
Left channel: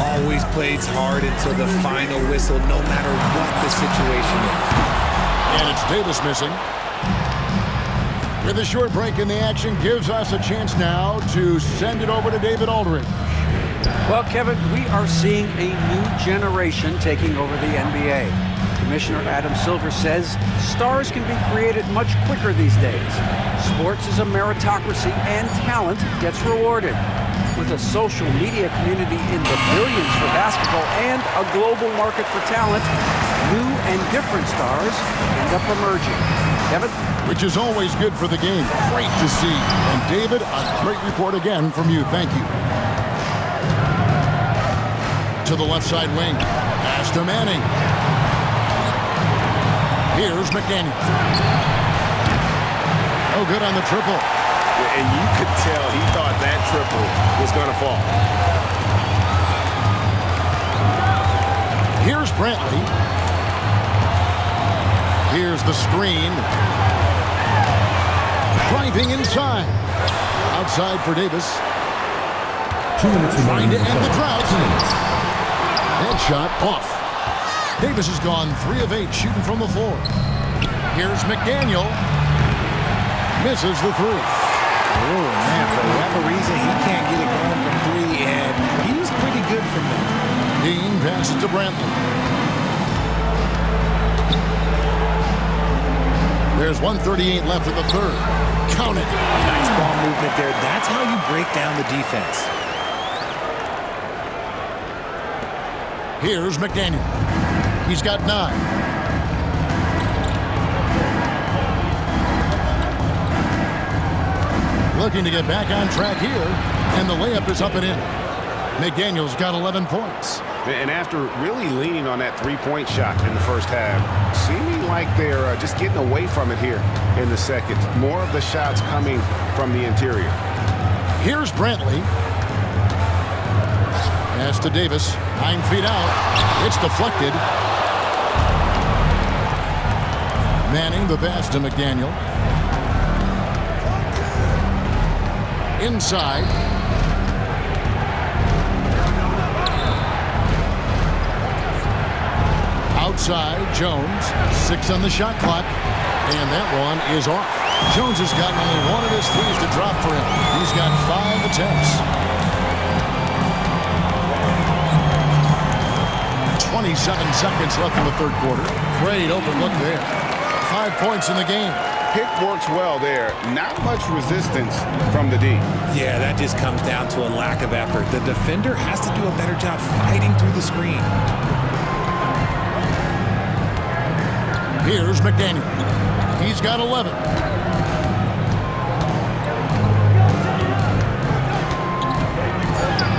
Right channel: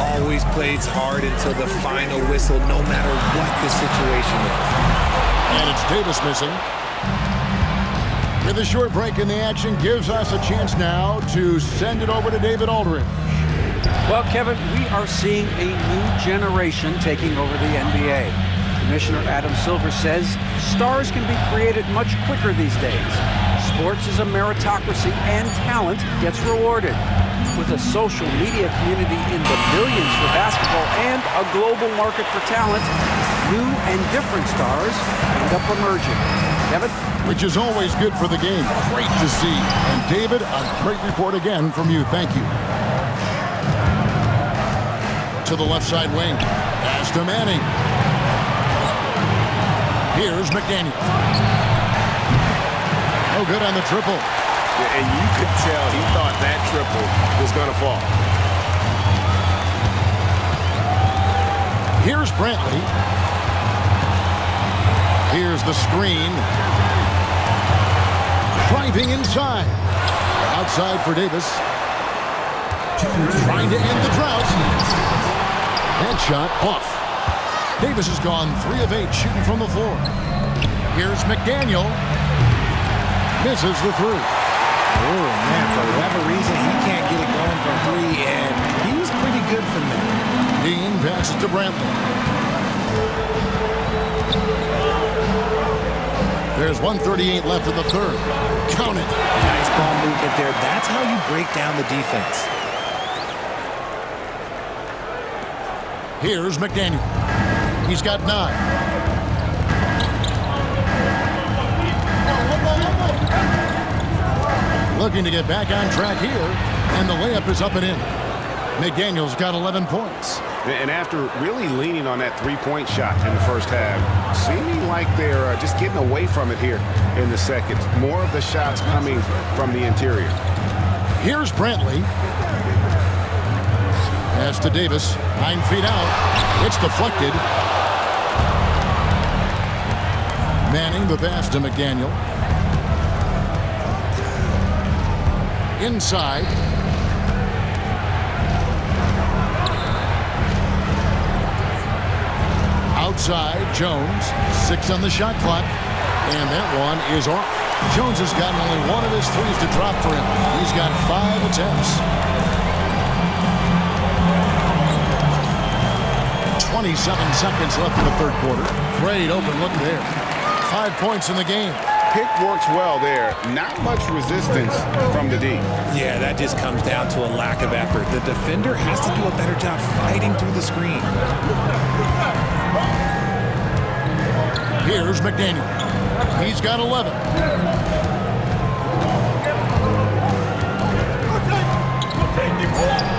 Always plays hard until the final whistle, no matter what the situation is. And it's Davis missing. With a short break in the action, gives us a chance now to send it over to David Aldridge. Well, Kevin, we are seeing a new generation taking over the NBA. Commissioner Adam Silver says stars can be created much quicker these days. Sports is a meritocracy and talent gets rewarded. With a social media community in the billions for basketball and a global market for talent, new and different stars end up emerging. Kevin? Which is always good for the game. Great to see. And David, a great report again from you. Thank you. To the left side wing. Pass to Manning. Here's McDaniel. No good on the triple. Yeah, and you could tell he thought that triple was going to fall. Here's Brantley. Here's the screen. Driving inside. Outside for Davis. Trying to end the drought. That shot off. Davis has gone 3 of 8 shooting from the floor. Here's McDaniel. Misses the 3. Oh, man, for whatever reason, he can't get it going from 3, and he's pretty good from there. Dean passes to Brantley. There's 1:38 left in the third. Count it. Nice ball movement there. That's how you break down the defense. Here's McDaniel. He's got 9. Looking to get back on track here, and the layup is up and in. McDaniel's got 11 points. And after really leaning on that 3-point shot in the first half, seeming like they're just getting away from it here in the second. More of the shots coming from the interior. Here's Brantley. Pass to Davis. 9 feet out. It's deflected. Manning the pass to McDaniel. Inside. outside, Jones. 6 on the shot clock. And that one is off. Jones has gotten only one of his threes to drop for him. He's got 5 attempts. 27 seconds left in the third quarter. Great open look there. 5 points in the game. Pick works well there. Not much resistance from the D. Yeah, that just comes down to a lack of effort. The defender has to do a better job fighting through the screen. Here's McDaniel. He's got 11.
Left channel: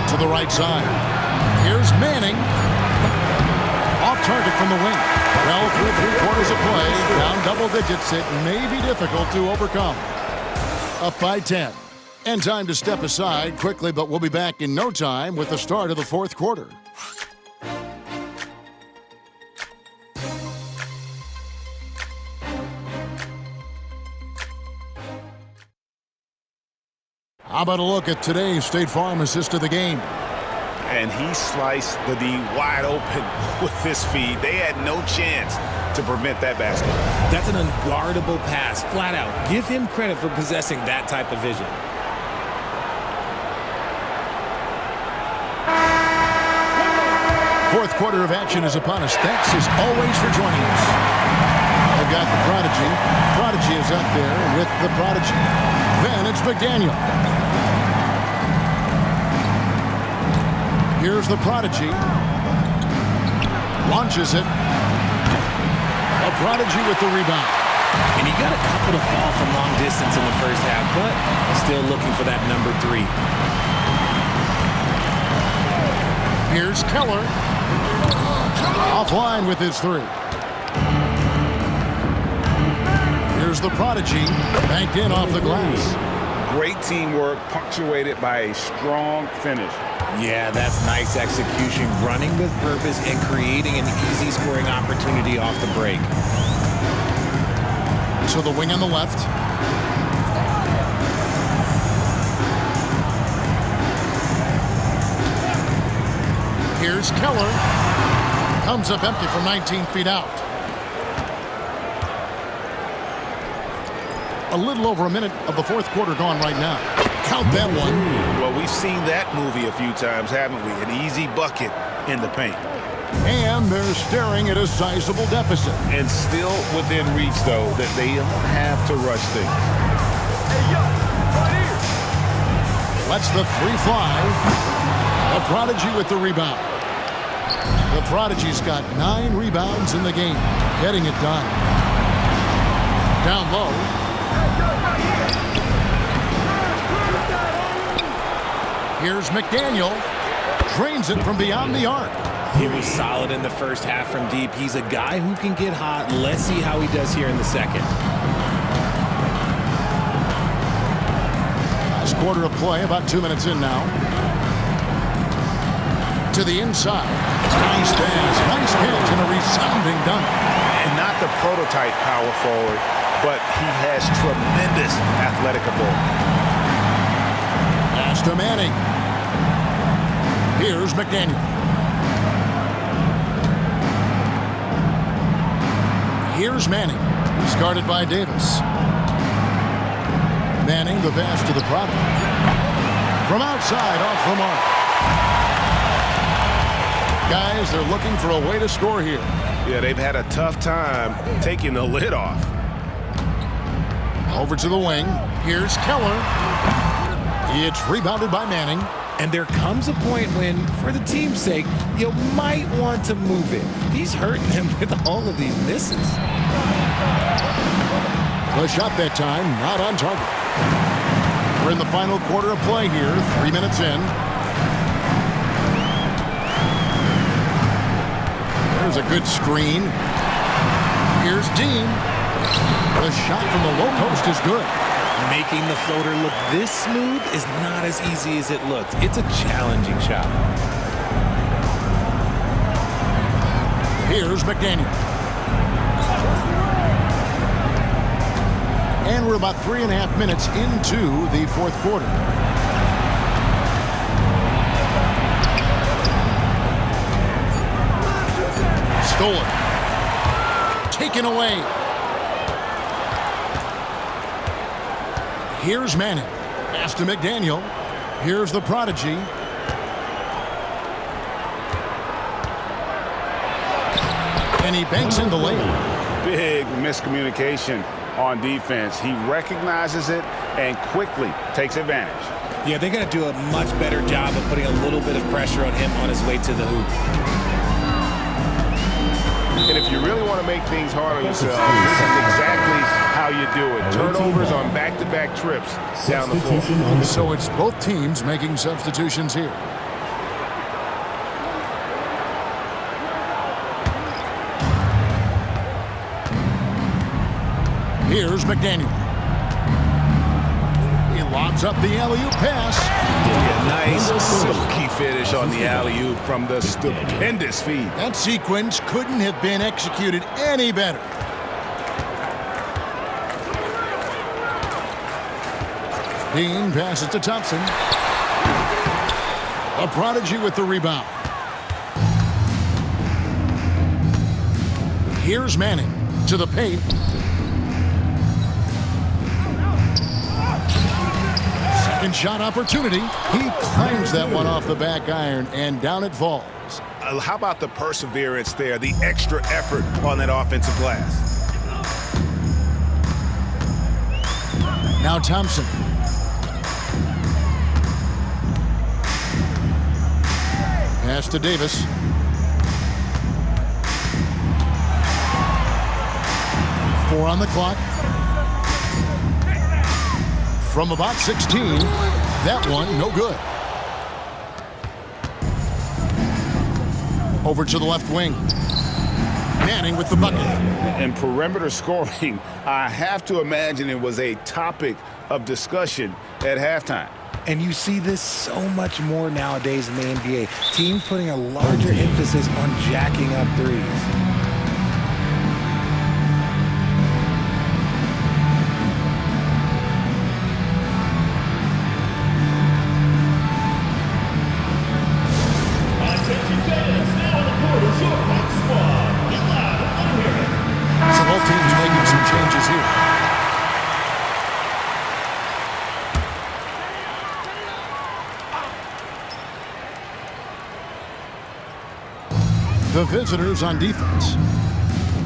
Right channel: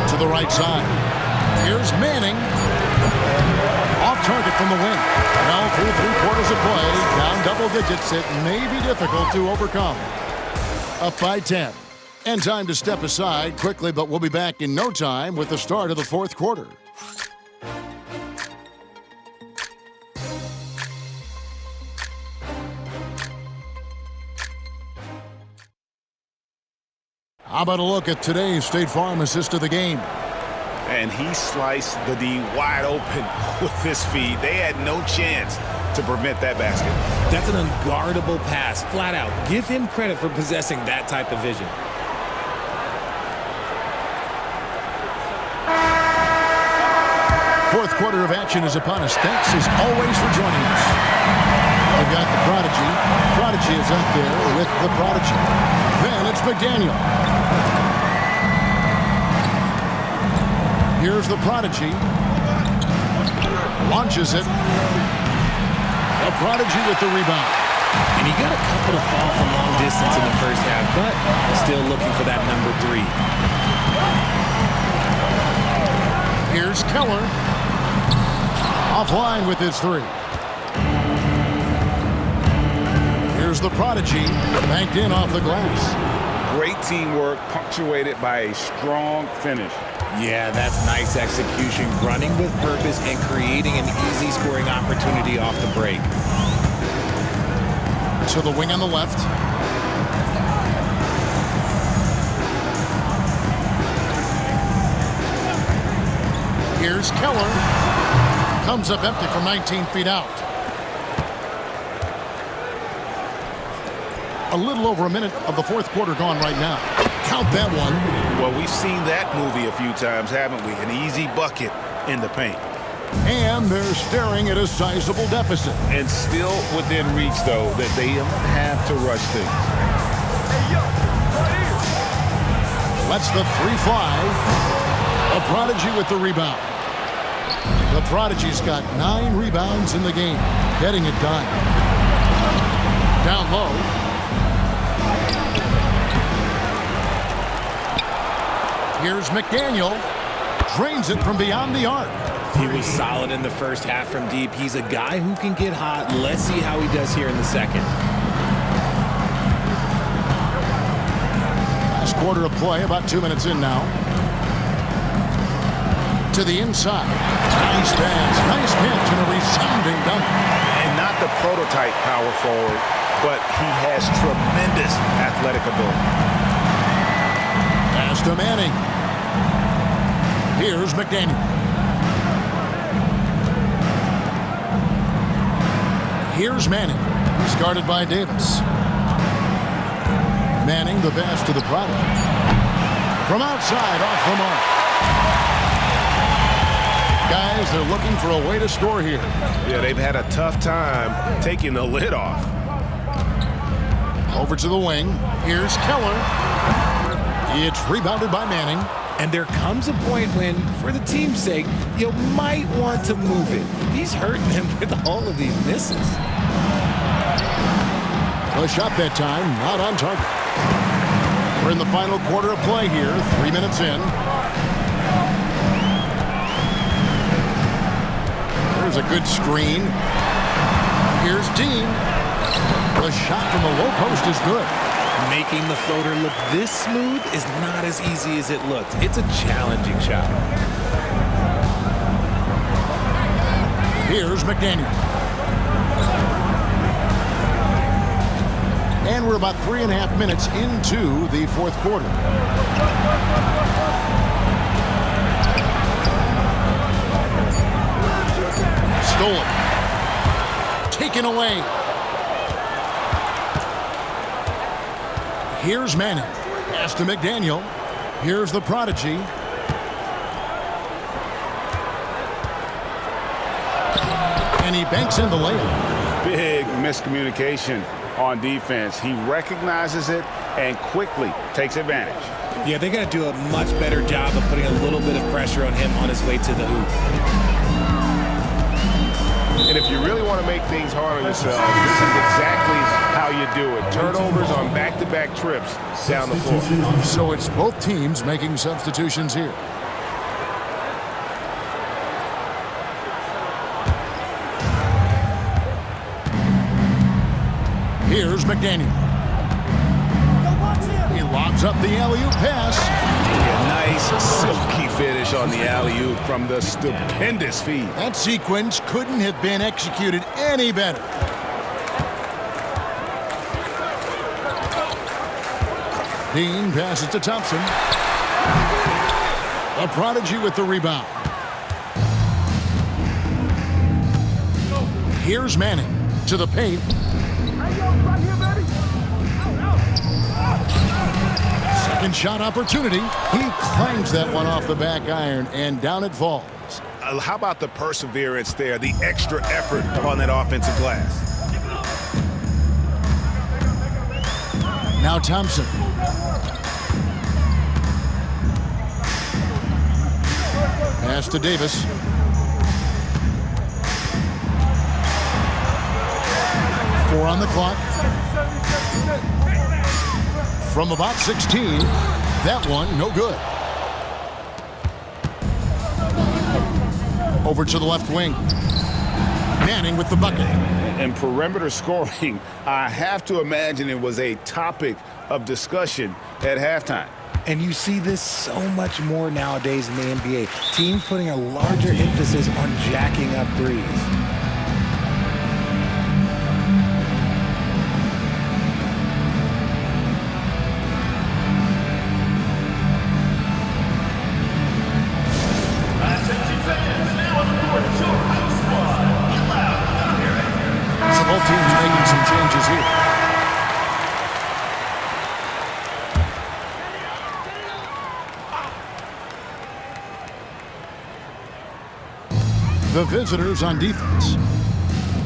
To the right side. Here's Manning. Off target from the wing. Well, through 3/4 of play, down double digits, it may be difficult to overcome. Up by 10. And time to step aside quickly, but we'll be back in no time with the start of the fourth quarter. How about a look at today's State Farm assist of the game? And he sliced the D wide open with this feed. They had no chance to prevent that basket. That's an unguardable pass, flat out. Give him credit for possessing that type of vision. Fourth quarter of action is upon us. Thanks as always for joining us. They've got the Prodigy. Prodigy is up there with the Prodigy. Then it's McDaniel. Here's the Prodigy. Launches it. The Prodigy with the rebound. And he got a couple to fall from long distance in the first half, but still looking for that number 3. Here's Keller. Offline with his 3. Here's the Prodigy. Banked in off the glass. Great teamwork punctuated by a strong finish. Yeah, that's nice execution, running with purpose and creating an easy scoring opportunity off the break. To the wing on the left. Here's Keller. Comes up empty from 19 feet out. A little over a minute of the fourth quarter gone right now. Count that one. Well, we've seen that movie a few times, haven't we? An easy bucket in the paint. And they're staring at a sizable deficit. And still within reach, though, that they don't have to rush things. Hey, yo, right here. Lets the 3 fly. The Prodigy with the rebound. The Prodigy's got 9 rebounds in the game. Getting it done. Down low. Here's McDaniel. Drains it from beyond the arc. He was solid in the first half from deep. He's a guy who can get hot. Let's see how he does here in the second. Last quarter of play, about 2 minutes in now. To the inside. Nice pass, nice catch, and a resounding dunk. And not the prototype power forward, but he has tremendous athletic ability. Pass to Manning. Here's McDaniel. Here's Manning. He's guarded by Davis. Manning, the pass to the Prodigy. From outside, off the mark. Guys, they're looking for a way to score here. Yeah, they've had a tough time taking the lid off. Over to the wing. Here's Keller. It's rebounded by Manning. And there comes a point when, for the team's sake, you might want to move it. He's hurting them with all of these misses. The shot that time, not on target. We're in the final quarter of play here, 3 minutes in. There's a good screen. Here's Dean. The shot from the low post is good. Making the floater look this smooth is not as easy as it looked. It's a challenging shot. Here's McDaniel. And we're about 3.5 minutes into the fourth quarter. Stolen. taken away. Here's Manning. Pass to McDaniel. Here's the prodigy. And he banks in the layup. Big miscommunication on defense. He recognizes it and quickly takes advantage. Yeah, they're going to do a much better job of putting a little bit of pressure on him on his way to the hoop. And if you really want to make things hard on yourself, this is exactly how you do it. Turnovers on back-to-back trips down the floor. So it's both teams making substitutions here. Here's McDaniel. He lobs up the alley-oop pass. Yeah, nice silky finish on the alley-oop from the stupendous feed. That sequence couldn't have been executed any better. Dean passes to Thompson. The prodigy with the rebound. Here's Manning to the paint. Second shot opportunity. He clangs that one off the back iron, and down it falls. How about the perseverance there, the extra effort on that offensive glass? Now Thompson. Pass to Davis. Four on the clock. From about 16, that one no good. Over to the left wing. Manning with the bucket. And perimeter scoring, I have to imagine it was a topic of discussion at halftime. And you see this so much more nowadays in the NBA. Teams putting a larger emphasis on jacking up threes. So both teams making some changes here. The visitors on defense.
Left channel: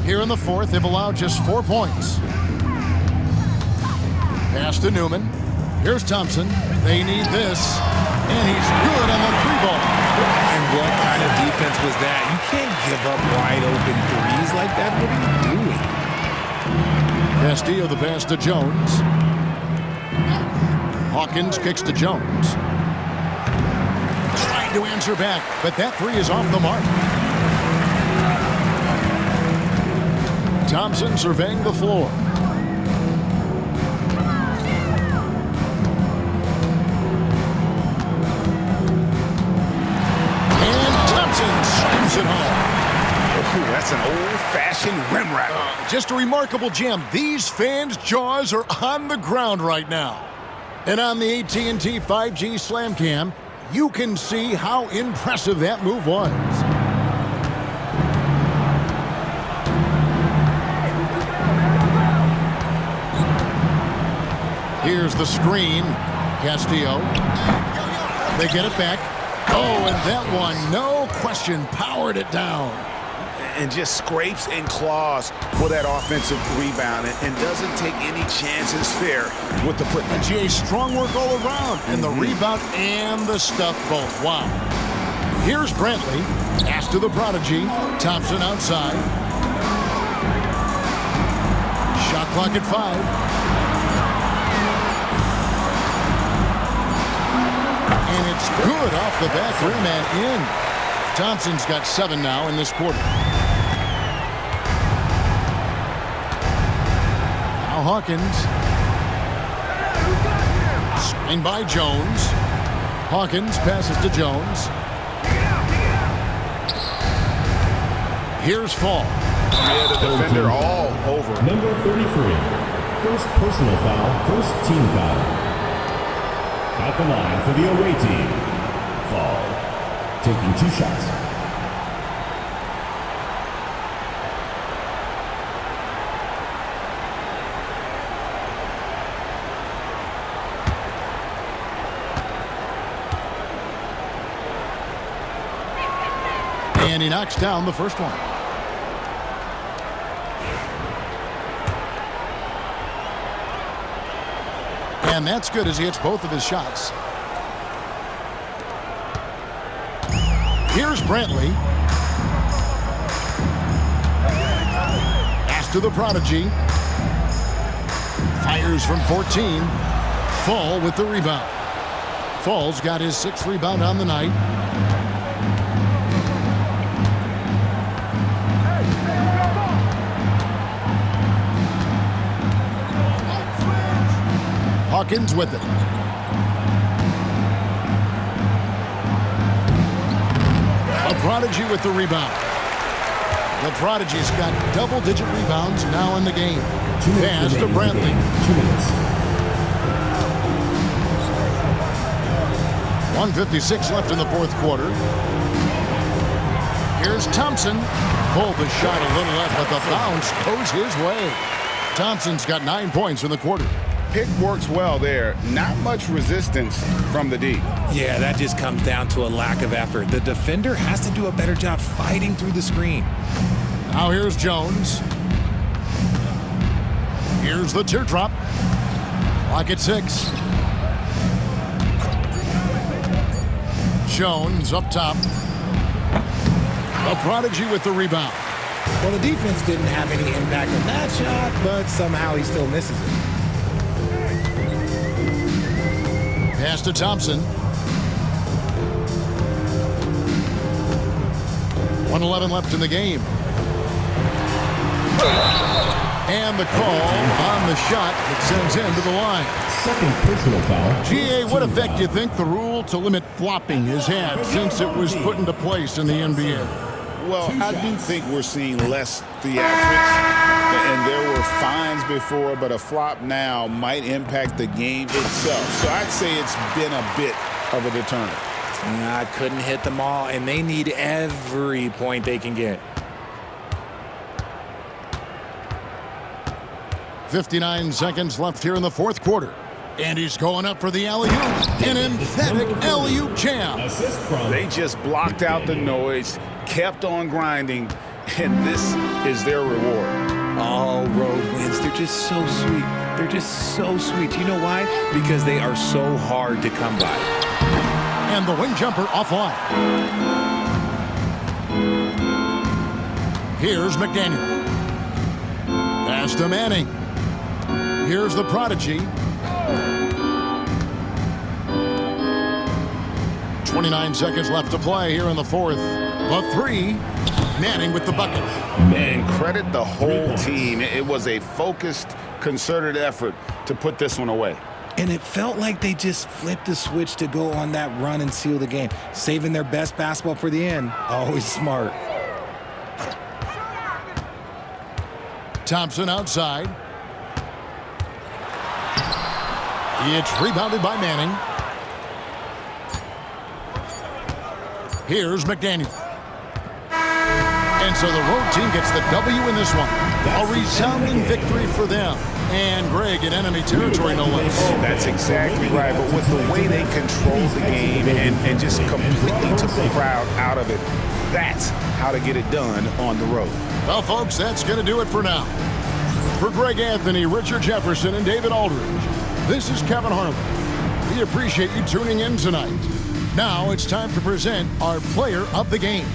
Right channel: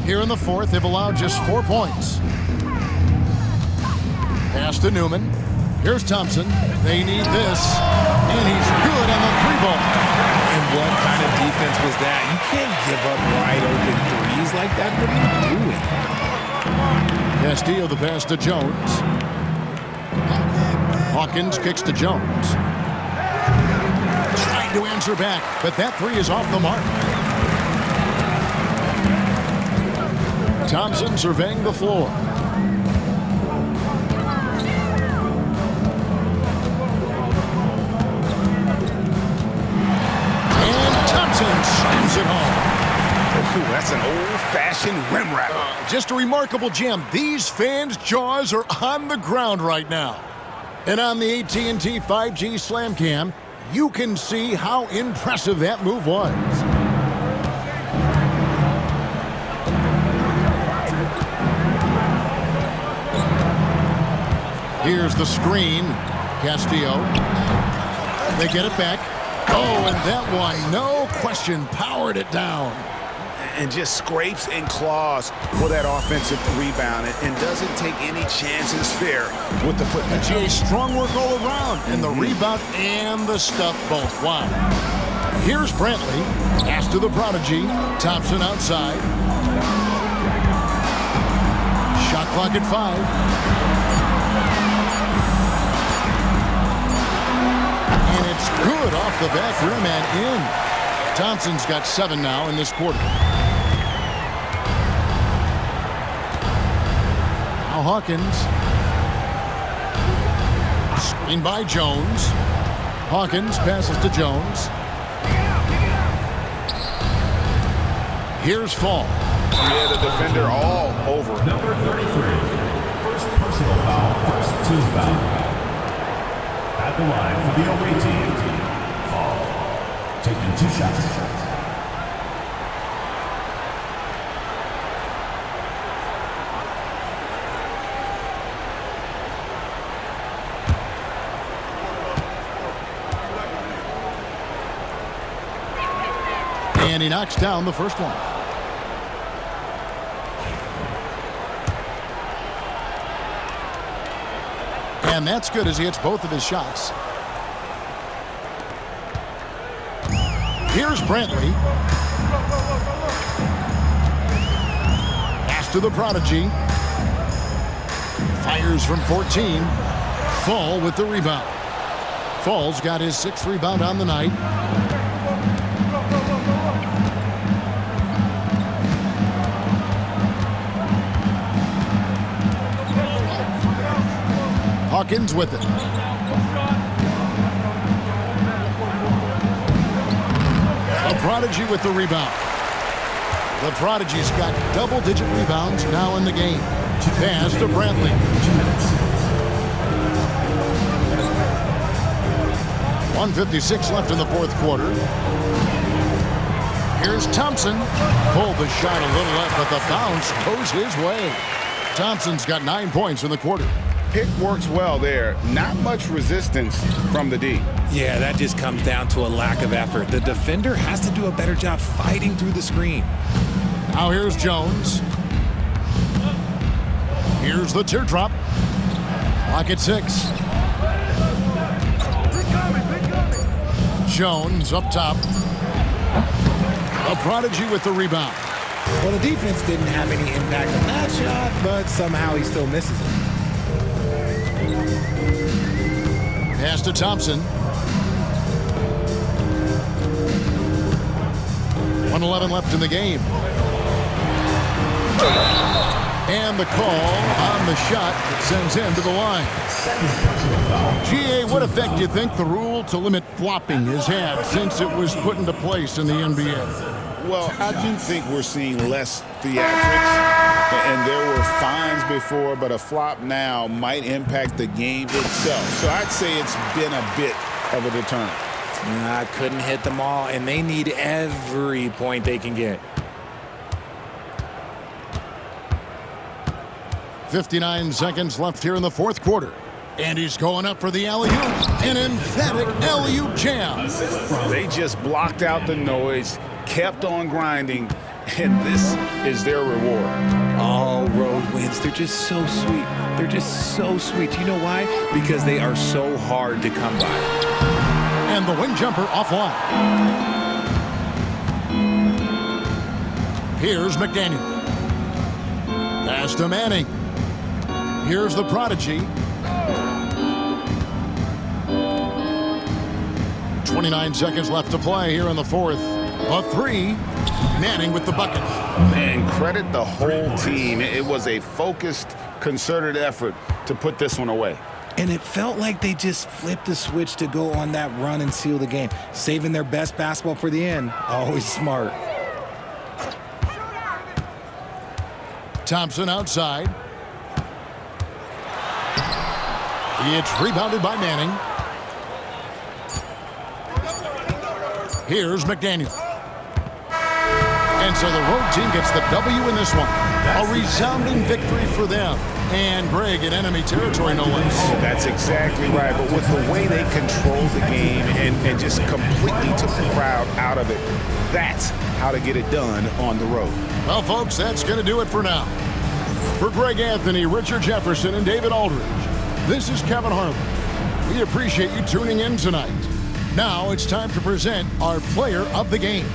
Here in the fourth, they've allowed just 4 points. Pass to Newman. Here's Thompson. They need this. And he's good on the three ball. And what kind of defense was that? You can't give up wide open threes like that. What are you doing? Castillo the pass to Jones. Hawkins kicks to Jones. Trying to answer back, but that three is off the mark. Thompson surveying the floor. And Thompson slams it home. Ooh, that's an old-fashioned rim rattler. Just a remarkable gem. These fans' jaws are on the ground right now. And on the AT&T 5G Slam Cam, you can see how impressive that move was. Here's the screen. Castillo. They get it back. Oh, and that one, no question, powered it down. And just scrapes and claws for that offensive rebound and doesn't take any chances there with the putback. Jay, strong work all around, and the rebound and the stuff both. Wow. Here's Brantley. Pass to the prodigy. Thompson outside. Shot clock at 5. And it's good off the back rim and in. Thompson's got 7 now in this quarter. Now Hawkins. Screen by Jones. Hawkins passes to Jones. Here's Fall. Yeah, the defender all over him. Number 33. First personal foul, first team foul. At the line for the away team, Fall. Taking 2 shots. And he knocks down the first one. And that's good as he hits both of his shots. Here's Brantley. Pass to the prodigy. Fires from 14. Fall with the rebound. Fall's got his 6th rebound on the night. Hawkins with it. A prodigy with the rebound. The prodigy's got double-digit rebounds now in the game. Pass to Brantley. 2 minutes. 1:56 left in the fourth quarter. Here's Thompson. Pulled the shot a little left, but the bounce goes his way. Thompson's got 9 points in the quarter. Pick works well there. Not much resistance from the D. Yeah, that just comes down to a lack of effort. The defender has to do a better job fighting through the screen. Now here's Jones. Here's the teardrop. Clock at 6. Jones up top. A prodigy with the rebound. Well, the defense didn't have any impact on that shot, but somehow he still misses it. Pass to Thompson. 1:11 left in the game. And the call on the shot that sends him to the line. Second personal foul. GA, what effect do you think the rule to limit flopping has had since it was put into place in the NBA? Well, I do think we're seeing less theatrics, and there were fines before, but a flop now might impact the game itself. So I'd say it's been a bit of a deterrent. I couldn't hit them all, and they need every point they can get. 59 seconds left here in the fourth quarter. And he's going up for the alley-oop. An emphatic alley-oop jam. They just blocked out the noise, kept on grinding, and this is their reward. All road wins. They're just so sweet. They're just so sweet. You know why? Because they are so hard to come by. And the wing jumper offline. Here's McDaniel. Pass to Manning. Here's the prodigy. 29 seconds left to play here in the fourth. The three. Manning with the bucket. And credit the whole team. It was a focused, concerted effort to put this one away. And it felt like they just flipped the switch to go on that run and seal the game, saving their best basketball for the end. Always smart. Thompson outside. It's rebounded by Manning. Here's McDaniel. And so the road team gets the W in this one. A resounding victory for them. And Greg in enemy territory, no less. That's exactly right. But with the way they controlled the game and just completely took the crowd out of it, that's how to get it done on the road. Well, folks, that's going to do it for now. For Greg Anthony, Richard Jefferson, and David Aldridge, this is Kevin Harlan. We appreciate you tuning in tonight. Now it's time to present our player of the game.